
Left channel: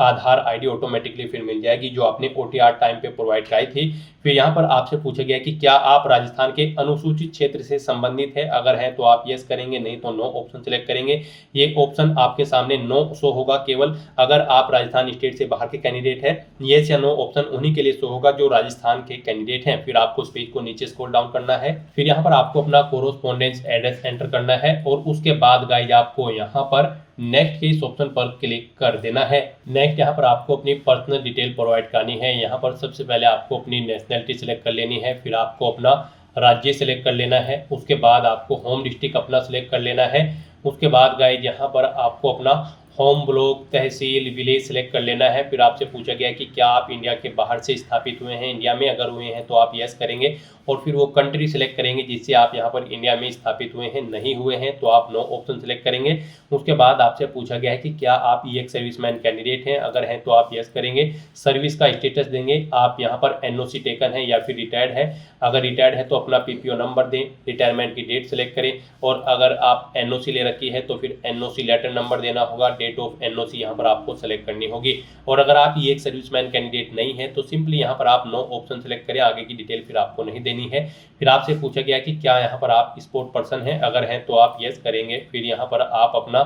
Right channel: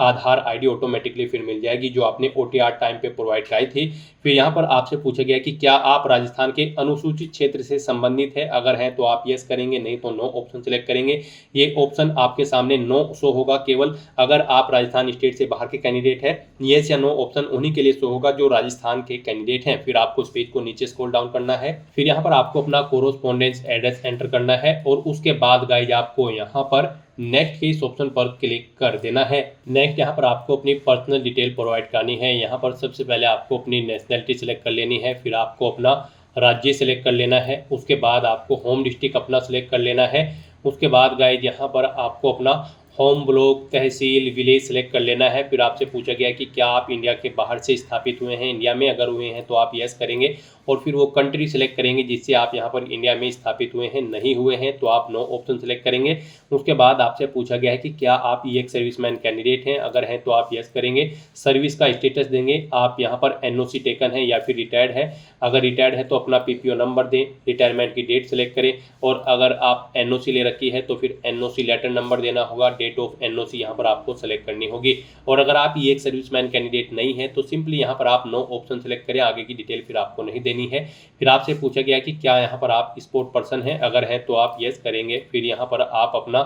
आधार ID ऑटोमेटिकली फिर मिल जाएगी जो आपने OTR टाइम पे प्रोवाइड कराई थी। फिर यहाँ पर आपसे पूछा गया कि क्या आप राजस्थान के अनुसूचित क्षेत्र से संबंधित है, अगर हैं तो आप यस करेंगे, नहीं तो नो ऑप्शन सेलेक्ट करेंगे। ये ऑप्शन आपके सामने नो शो होगा केवल अगर आप राजस्थान स्टेट से बाहर के कैंडिडेट है। यस या नो ऑप्शन उन्हीं के लिए शो होगा जो राजस्थान के कैंडिडेट हैं। फिर आपको इस पेज को नीचे स्क्रॉल डाउन करना है। फिर यहाँ पर आपको अपना कोरोस्पोंडेंस एड्रेस एंटर करना है, और उसके बाद गाइज आपको यहाँ पर नेक्स्ट के इस ऑप्शन पर क्लिक कर देना है। नेक्स्ट यहाँ पर आपको अपनी पर्सनल डिटेल प्रोवाइड करनी है। यहाँ पर सबसे पहले आपको अपनी नेशनलिटी सिलेक्ट कर लेनी है, फिर आपको अपना राज्य सिलेक्ट कर लेना है। उसके बाद आपको होम डिस्ट्रिक्ट अपना सिलेक्ट कर लेना है। उसके बाद गाइज यहाँ पर आपको अपना होम ब्लॉक, तहसील, विलेज सेलेक्ट कर लेना है। फिर आपसे पूछा गया कि क्या आप इंडिया के बाहर से स्थापित हुए हैं, इंडिया में अगर हुए हैं तो आप यस करेंगे, और फिर वो कंट्री सेलेक्ट करेंगे जिससे आप यहाँ पर इंडिया में स्थापित हुए हैं। नहीं हुए हैं तो आप नो ऑप्शन सेलेक्ट करेंगे। उसके बाद आपसे पूछा गया है कि क्या आप एक सर्विसमैन कैंडिडेट हैं, अगर हैं तो आप यस करेंगे। सर्विस का स्टेटस देंगे, आप यहाँ पर NOC टेकन है या फिर रिटायर्ड है। अगर रिटायर्ड है तो अपना PPO नंबर दें, रिटायरमेंट की डेट सेलेक्ट करें, और अगर आप NOC ले रखी है तो फिर NOC लेटर नंबर देना होगा, डेट ऑफ NOC यहाँ पर आपको सेलेक्ट करनी होगी। और अगर आप एक सर्विसमैन कैंडिडेट नहीं है तो सिंपली यहाँ पर आप नो ऑप्शन सेलेक्ट करें, आगे की डिटेल फिर आपको नहीं देनी है। फिर आपसे पूछा गया कि क्या यहाँ पर आप स्पोर्ट पर्सन हैं, अगर हैं तो आप यस करेंगे। फिर यहाँ पर आप अपना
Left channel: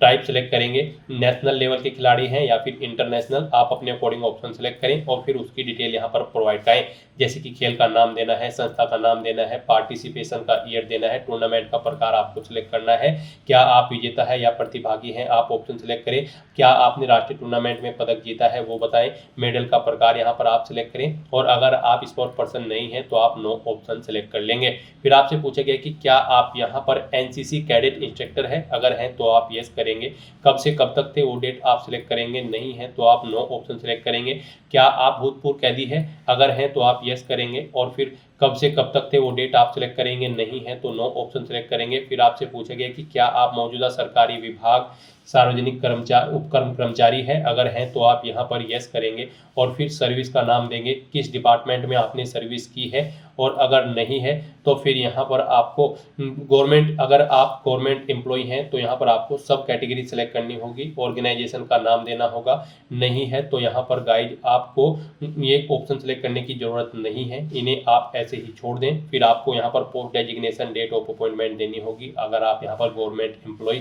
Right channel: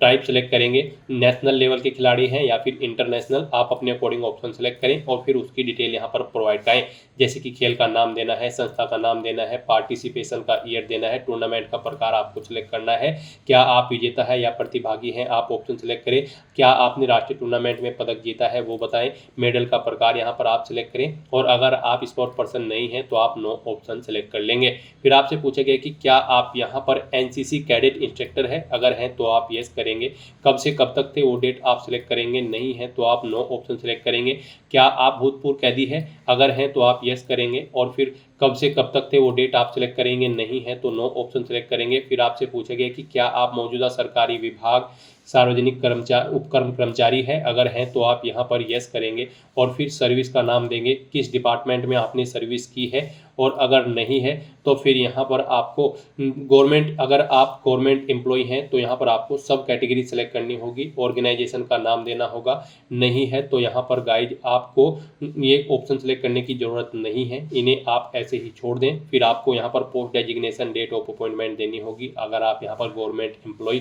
टाइप सेलेक्ट करेंगे, नेशनल लेवल के खिलाड़ी हैं या फिर इंटरनेशनल, आप अपने अकॉर्डिंग ऑप्शन सेलेक्ट करें, और फिर उसकी डिटेल यहाँ पर प्रोवाइड करें, जैसे कि खेल का नाम देना है, संस्था का नाम देना है, पार्टिसिपेशन का ईयर देना है, टूर्नामेंट का प्रकार आपको सिलेक्ट करना है, क्या आप विजेता है या प्रतिभागी हैं, आप ऑप्शन सेलेक्ट करें, क्या आपने राष्ट्रीय टूर्नामेंट में पदक जीता है वो बताएं, मेडल का प्रकार यहाँ पर आप सिलेक्ट करें, और अगर आप स्पोर्ट पर्सन नहीं है तो आप नो ऑप्शन सेलेक्ट कर लेंगे। फिर आपसे पूछा गया कि क्या आप यहाँ पर NCC कैडेट इंस्ट्रक्टर है, अगर हैं तो आप यस करेंगे। कब से कब तक थे वो डेट आप सिलेक्ट करेंगे, नहीं है तो आप नो ऑप्शन सेलेक्ट करेंगे। क्या आप भूतपूर्व कैदी है, अगर हैं तो आप यस करेंगे, और फिर कब से कब तक थे वो डेट आप सिलेक्ट करेंगे, नहीं है तो नो ऑप्शन सेलेक्ट करेंगे। फिर आपसे पूछा गया कि क्या आप मौजूदा सरकारी विभाग, सार्वजनिक कर्मचारी, उपक्रम कर्मचारी है, अगर हैं तो आप यहाँ पर यस करेंगे, और फिर सर्विस का नाम देंगे, किस डिपार्टमेंट में आपने सर्विस की है, और अगर नहीं है तो फिर यहाँ पर आपको गवर्नमेंट, अगर आप गवर्नमेंट एम्प्लॉय हैं तो यहाँ पर आपको सब कैटेगरी सेलेक्ट करनी होगी, ऑर्गेनाइजेशन का नाम देना होगा, नहीं है तो यहाँ पर गाइड आपको ये ऑप्शन सेलेक्ट करने की ज़रूरत नहीं है, इन्हें आप ऐसे ही छोड़ दें। फिर आपको यहाँ पर post designation, date of appointment देनी होगी, अगर आप यहाँ पर government employ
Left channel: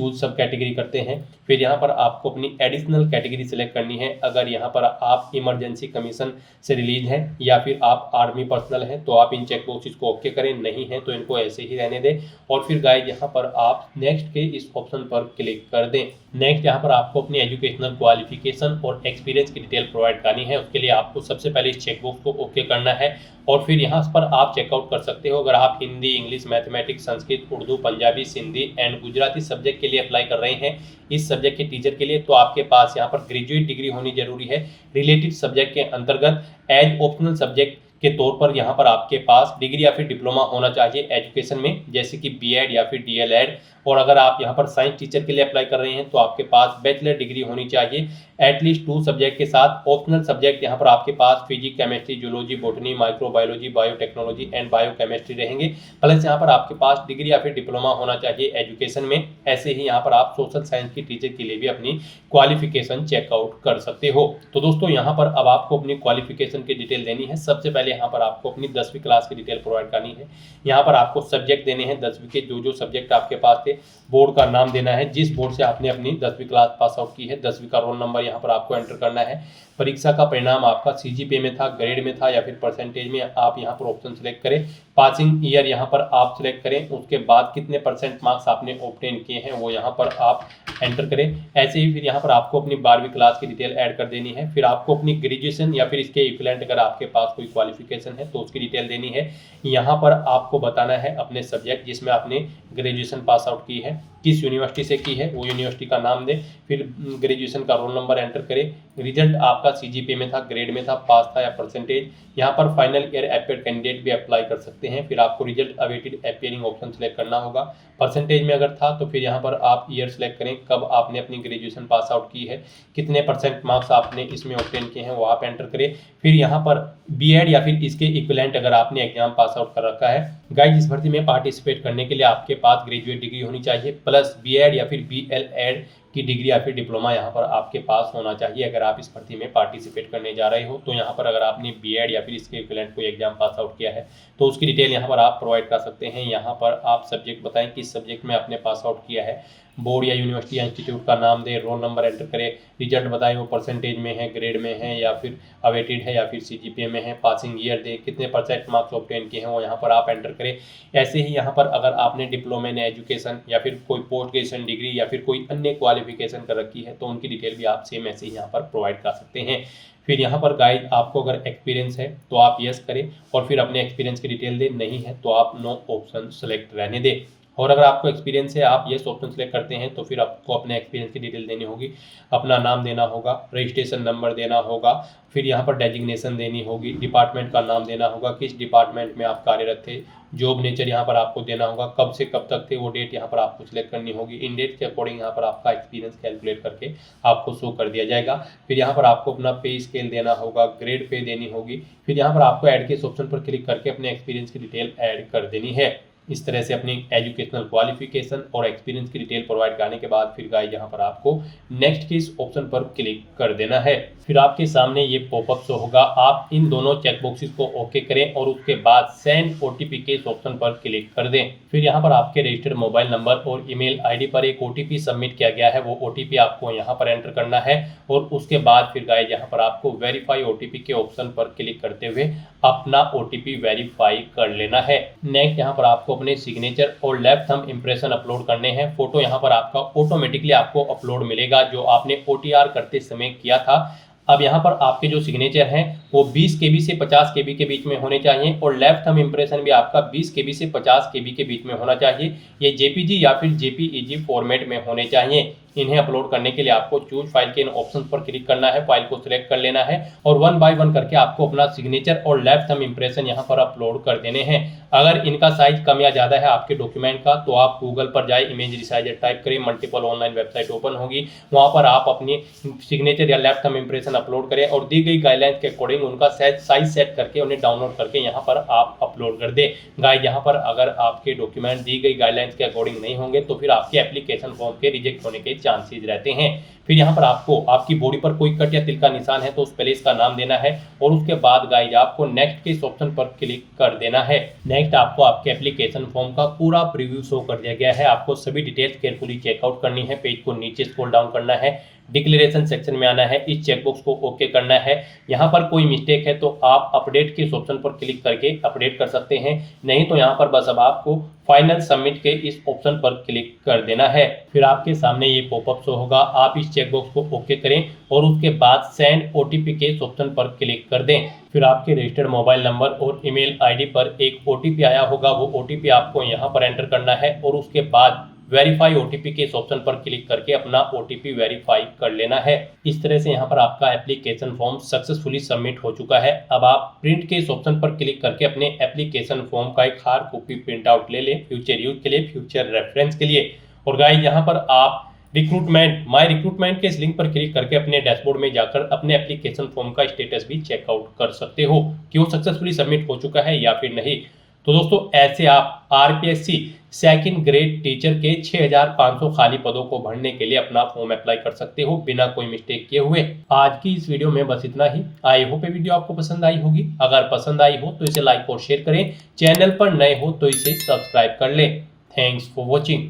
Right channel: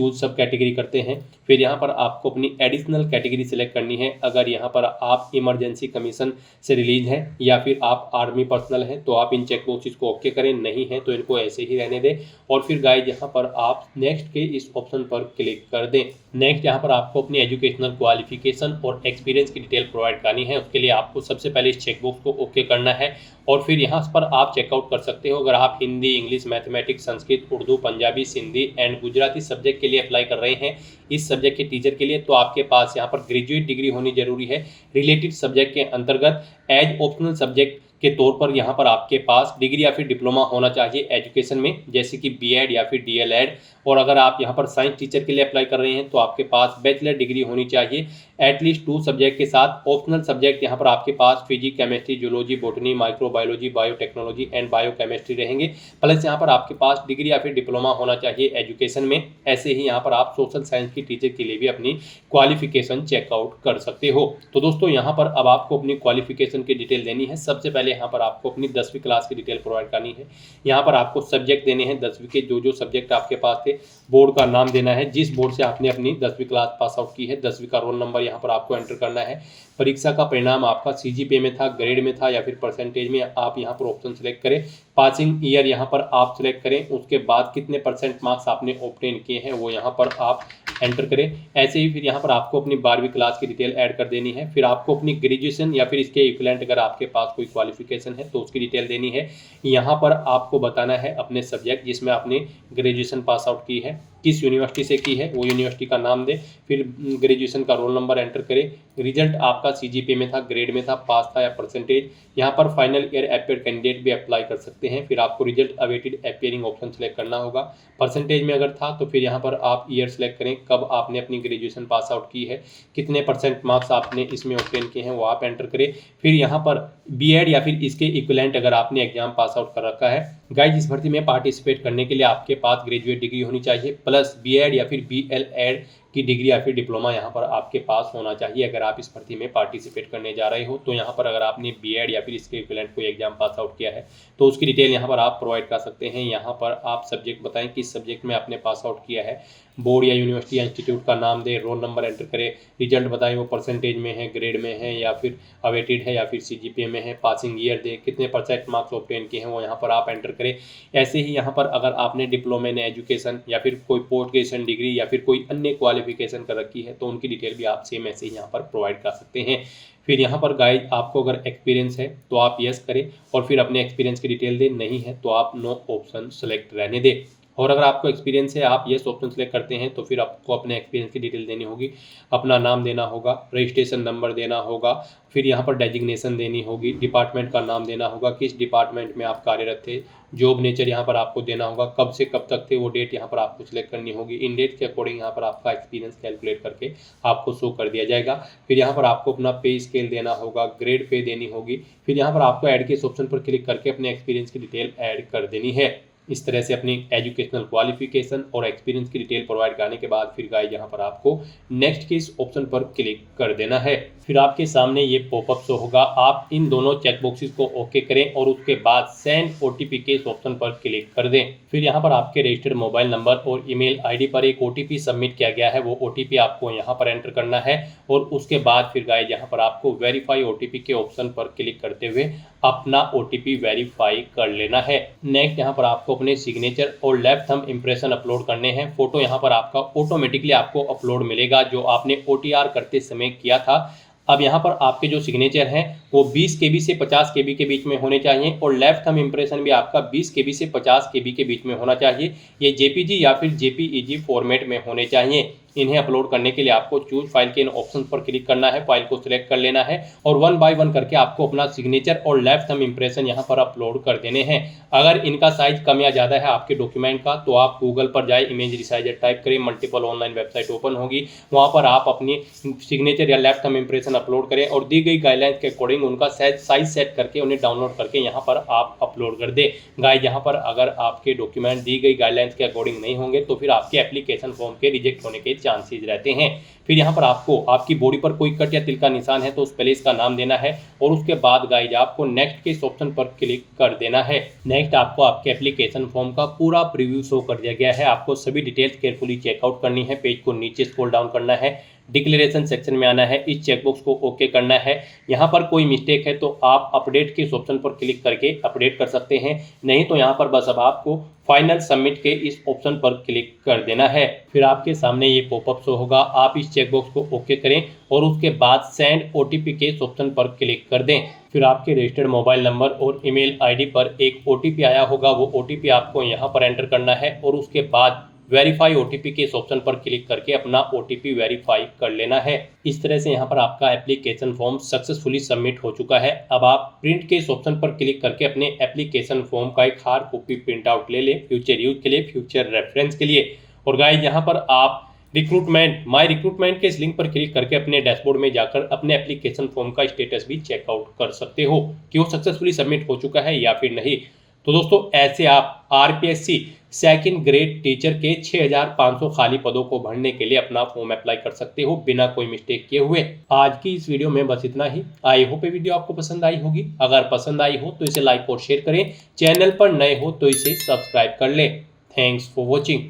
choose subcategory करते हैं। फिर यहाँ पर आपको अपनी एडिशनल कैटेगरी सेलेक्ट करनी है। अगर यहाँ पर आप इमरजेंसी कमीशन से रिलीज हैं या फिर आप आर्मी पर्सनल हैं तो आप इन चेक बॉक्सेस को ओके करें, नहीं है तो इनको ऐसे ही रहने दें। और फिर गाइस यहाँ पर आप नेक्स्ट के इस ऑप्शन पर क्लिक कर दें। नेक्स्ट यहाँ पर आपको अपनी एजुकेशनल क्वालिफिकेशन और एक्सपीरियंस की डिटेल प्रोवाइड करनी है। उसके लिए आपको सबसे पहले इस चेकबॉक्स को ओके करना है और फिर यहाँ पर आप चेकआउट कर सकते हो। अगर आप Hindi, English, mathematics, Sanskrit, Urdu, Punjabi, Sindhi and Gujarati subject के लिए अप्लाई कर रहे हैं इस सब्जेक्ट के टीचर के लिए, तो आपके पास यहाँ पर ग्रेजुएट डिग्री होनी जरूरी है। रिलेटेड सब्जेक्ट के अंतर्गत एज ऑप्शनल सब्जेक्ट के तौर पर यहाँ पर आपके पास डिग्री या फिर डिप्लोमा होना चाहिए एजुकेशन में, जैसे कि बीएड या फिर डीएलएड। और अगर आप यहाँ पर साइंस टीचर के लिए अप्लाई कर रहे हैं तो आपके पास बैचलर डिग्री होनी चाहिए एटलीस्ट 2 सब्जेक्ट के साथ। ऑप्शनल सब्जेक्ट यहाँ पर आपके पास physics, chemistry, zoology, botany, microbiology, biotechnology and biochemistry रहेंगे। प्लस यहाँ पर आपके पास डिग्री या फिर डिप्लोमा होना चाहिए एजुकेशन में। ऐसे ही यहाँ पर आप सोशल साइंस की टीचर के लिए भी अपनी क्वालिफिकेशन चेकआउट कर सकते हो। तो दोस्तों यहाँ पर अब आपको अपनी क्वालिफिकेशन की डिटेल देनी है। सबसे पहले यहाँ पर आपको अपनी 10वीं क्लास की डिटेल प्रोवाइड करनी है। यहाँ पर आपको सब्जेक्ट देने हैं 10वीं के, जो सब्जेक्ट आपके पास थे। बोर्ड का नाम देना है जिस बोर्ड से आपने अपनी 10वीं क्लास पास आउट की है। 10वीं का रोल नंबर यहाँ पर आपको एंटर करना है। परीक्षा का परिणाम आपका सीजीपीए में था, ग्रेड में था या फिर परसेंटेज में, आप यहाँ पर ऑप्शन सिलेक्ट करें। पासिंग ईयर यहाँ पर आप सिलेक्ट करें। उसके बाद कितने परसेंट मार्क्स आपने ऑब्टेन किए हैं वो यहाँ पर आप एंटर करें। ऐसे ही फिर यहाँ पर आपको अपनी 12वीं क्लास की डिटेल ऐड कर देनी है। फिर आपको अपनी ग्रेजुएशन या फिर इसके इक्विवेलेंट अगर आपके पास कोई क्वालिफिकेशन है तो उसकी डिटेल देनी है। यहाँ पर आपको बताना है अपने सब्जेक्ट जिसमें आपने ग्रेजुएशन पास आउट की है, किस यूनिवर्सिटी से की है वो यूनिवर्सिटी का नाम दे। फिर ग्रेजुएशन का रोल नंबर एंटर करें। रिजल्ट आपका सीजीपीए में था, ग्रेड में था, पास था या परसेंटेज। यहाँ पर फाइनल ईयर अपियर कैंडिडेट भी अप्लाई कर सकते हैं। फिर आपको result awaited appearing option select करना होगा। परसेंटेज में अगर था तो फिर यहाँ पर आप ईयर सेलेक्ट करें कब आपने अपनी ग्रेजुएशन पास आउट की है, कितने परसेंट मार्क्स आपने इसमें ऑब्टेन किए हैं वो आप एंटर करें। फिर यहाँ पर बीएड या फिर इसके इक्विवेलेंट अगर आपने एग्जाम पास आउट कर रखा है। गाइस इस भर्ती में पार्टिसिपेट करने के लिए आपके पास ग्रेजुएट डिग्री होनी चाहिए प्लस बीएड या फिर बीएलएड की डिग्री या फिर डिप्लोमा यहाँ पर आपके पास होना चाहिए अगर आप इस भर्ती में पार्टिसिपेट करने जा रहे हो। तो यहाँ पर अगर आपने बीएड या फिर इसके इक्विवेलेंट कोई एग्जाम पास आउट किया है तो उसकी डिटेल यहाँ पर आप प्रोवाइड कर सकते हैं। यहाँ पर आप सब्जेक्ट बताएं किस सब्जेक्ट में आपने पास आउट किया है, बोर्ड या यूनिवर्सिटी या इंस्टीट्यूट का नाम दें, रोल नंबर एंटर करें, रिजल्ट बताएं वो परसेंटेज में है, ग्रेड में है या फिर अवेटेड है या फिर सीजीपीए में है, पासिंग ईयर दें, कितने परसेंट मार्क्स ऑब्टेन किए हैं वो यहाँ पर आप एंटर करें। ऐसे ही यहाँ पर अगर आपने डिप्लोमा इन एजुकेशन या फिर कोई पोस्ट ग्रेजुएशन डिग्री या फिर कोई अन्य क्वालिफिकेशन कर रखी है तो उनकी डिटेल भी आप सेम ऐसे ही यहाँ पर प्रोवाइड कर सकते हैं। फिर यहाँ पर गाइड आपको अगर एक्सपीरियंस है तो आप यस करें और फिर अपने एक्सपीरियंस की डिटेल दें, नहीं है तो आप नो ऑप्शन सेलेक्ट रहने दें। और अगर आपको एक्सपीरियंस है आप येस ऑप्शन सेलेक्ट करते हैं तो फिर आपको अपने एक्सपीरियंस की डिटेल देनी होगी, अपना नाम देना होगा, रजिस्ट्रेशन नंबर देना होगा, फिर यहाँ पर डेजिग्नेशन देनी होगी, डिपार्टमेंट का नाम देना होगा, किस डिपार्टमेंट में आप कार्यरत थे, जॉब नेचर यहाँ पर आपको देना होगा, कब से कब तक थे वो डेट यहाँ पर आपको सिलेक्ट करनी होगी। इन डेट के अकॉर्डिंग यहाँ पर आपका एक्सपीरियंस कैलकुलेट करके आपको शो कर दिया जाएगा। फिर यहाँ पर आपको अपना पे स्केल देना होगा, ग्रेड पे देनी होगी। फिर यहाँ पर आपको ऐड के इस ऑप्शन पर क्लिक करके अपने एक्सपीरियंस की डिटेल ऐड कर देनी है। इस तरह से अपनी एजुकेशनल क्वालिफिकेशन और एक्सपीरियंस की डिटेल प्रोवाइड करने के बाद फिर गाइस यहाँ पर आपको नेक्स्ट के इस ऑप्शन पर क्लिक कर देना है। फिर आपके सामने ये पॉपअप शो होगा, आप इन दोनों चेकबॉक्सेस को ओके करें और उसके बाद सेंड ओटीपी के इस ऑप्शन पर क्लिक कर दें। फिर यहाँ पर आपके रजिस्टर्ड मोबाइल नंबर और ईमेल आईडी पर एक ओटीपी सबमिट किया गया है, वो ओटीपी आपको यहाँ पर एंटर करना है और उसके बाद फिर गाइस यहाँ पर आपको वेरीफाई ओटीपी के ऑप्शन पर क्लिक करते हुए अपना ओटीपी वेरीफाई कर लेना है। नेक्स्ट यहाँ पर आपको अपने सिग्नेचर और लेफ्ट थंब इंप्रेशन अपलोड करने हैं। फोटो यहाँ पर आपका ऑटोमेटिकली आपको अपलोड मिलेगा जो आपने ओटीआर करते समय किया था। अब यहाँ पर आपके जो सिग्नेचर हैं वो 20 KB से 50 KB के बीच में होने चाहिए और लेफ्ट थंब इंप्रेशन भी आपका 20 KB से 50 KB के बीच में होना चाहिए। ये जेपीजी या फिर जेपीईजी फॉर्मेट में होने चाहिए। इन्हें अपलोड करने के लिए आपको चूज फाइल के इन ऑप्शन पर क्लिक करना है, फाइल को सिलेक्ट कर लेना है और 1 बाय 1 करके आपको अपना सिग्नेचर और लेफ्ट थंब इंप्रेशन यहाँ पर अपलोड कर देने हैं। अगर इनका साइज कम या ज़्यादा है आपके डॉक्यूमेंट का तो आप गूगल पर जाए, इमेज रिसाइजर टाइप करें, मल्टीपल ऑनलाइन वेबसाइट ओपन होगी, वहाँ पर आप अपनी सिग्नेचर या लेफ्ट थंब इंप्रेशन अपलोड करें और दी गई गाइडलाइंस के अकॉर्डिंग उनका साइज सेट करके उन्हें डाउनलोड करके यहाँ पर आप अपलोड अपलोड कर दें। गाइस यहाँ पर अगर आपके डॉक्यूमेंट दी गई गाइडलाइंस के अकॉर्डिंग नहीं होंगे तो फिर आपके एप्लीकेशन फॉर्म के रिजेक्ट होने के चांसेस रहते हैं। फिर यहाँ पर आपको आपकी बॉडी पर कोई कट या तिल का निशान है तो उस प्लेस का नाम देना है और उसके बाद गाइस आपको नेक्स्ट के इस ऑप्शन पर क्लिक कर देना है। नेक्स्ट आपको आपके एप्लीकेशन फॉर्म का पूरा प्रीव्यू शो कर दिया गया है। आपको सभी डिटेल्स केयरफुली चेकआउट करनी है। पेज को नीचे स्क्रॉल डाउन करना है, डिक्लेरेशन सेक्शन में आना है, इस चेकबॉक्स को ओके करना है। यहाँ पर कोई मिस्टेक है तो आप अपडेट के इस ऑप्शन पर क्लिक करके अपडेट कर सकते हैं, नहीं तो यहाँ पर बस अब आपको फाइनल सबमिट के इस ऑप्शन पर क्लिक कर देना है। फिर आपके सामने ये पॉपअप शो होगा, आप इस चेकबॉक्स को ओके करें और उसके बाद सेंड ओटीपी के इस ऑप्शन पर क्लिक कर दें। फिर आपके रजिस्टर्ड मोबाइल नंबर और ईमेल आईडी पर एक ओटीपी आया होगा, वो ओटीपी आपको यहाँ पर एंटर करना है और उसके बाद वेरीफाई ओटीपी के इस ऑप्शन पर क्लिक करके अपना ओटीपी वेरीफाई कर लेना है। इस तरह से यहाँ पर आपका एप्लीकेशन फॉर्म सक्सेसफुली सबमिट हो चुका है। अब आप प्रिंट के इस ऑप्शन पर क्लिक करके अपने एप्लीकेशन फॉर्म का एक हार्ड कॉपी प्रिंट आउट ले लें, फ्यूचर यूज के लिए, फ्यूचर रेफरेंस के लिए। और गाइस यहाँ पर आप माई रिक्रूटमेंट के इस लिंक पर क्लिक करके अपने डैशबोर्ड में जाकर अपने एप्लीकेशन फॉर्म का स्टेटस भी चेकआउट कर सकते हो कि वो सक्सेसफुली सबमिट हो चुका है या फिर नहीं। तो दोस्तों ऐसे आप आरपीएससी सेकंड ग्रेड टीचर के 6500 खाली पदों को भरने के लिए अपना फॉर्म अप्लाई कर सकते हो बिना कोई मिस्टेक किए हुए। आज की इस वीडियो में बस इतना ही। आई होप ये वीडियो आपको पसंद आई होगी। अगर पसंद आई हो तो इसे लाइक और शेयर करें, चैनल पर नए हो तो इसे सब्सक्राइब कर लें। Thanks for watching.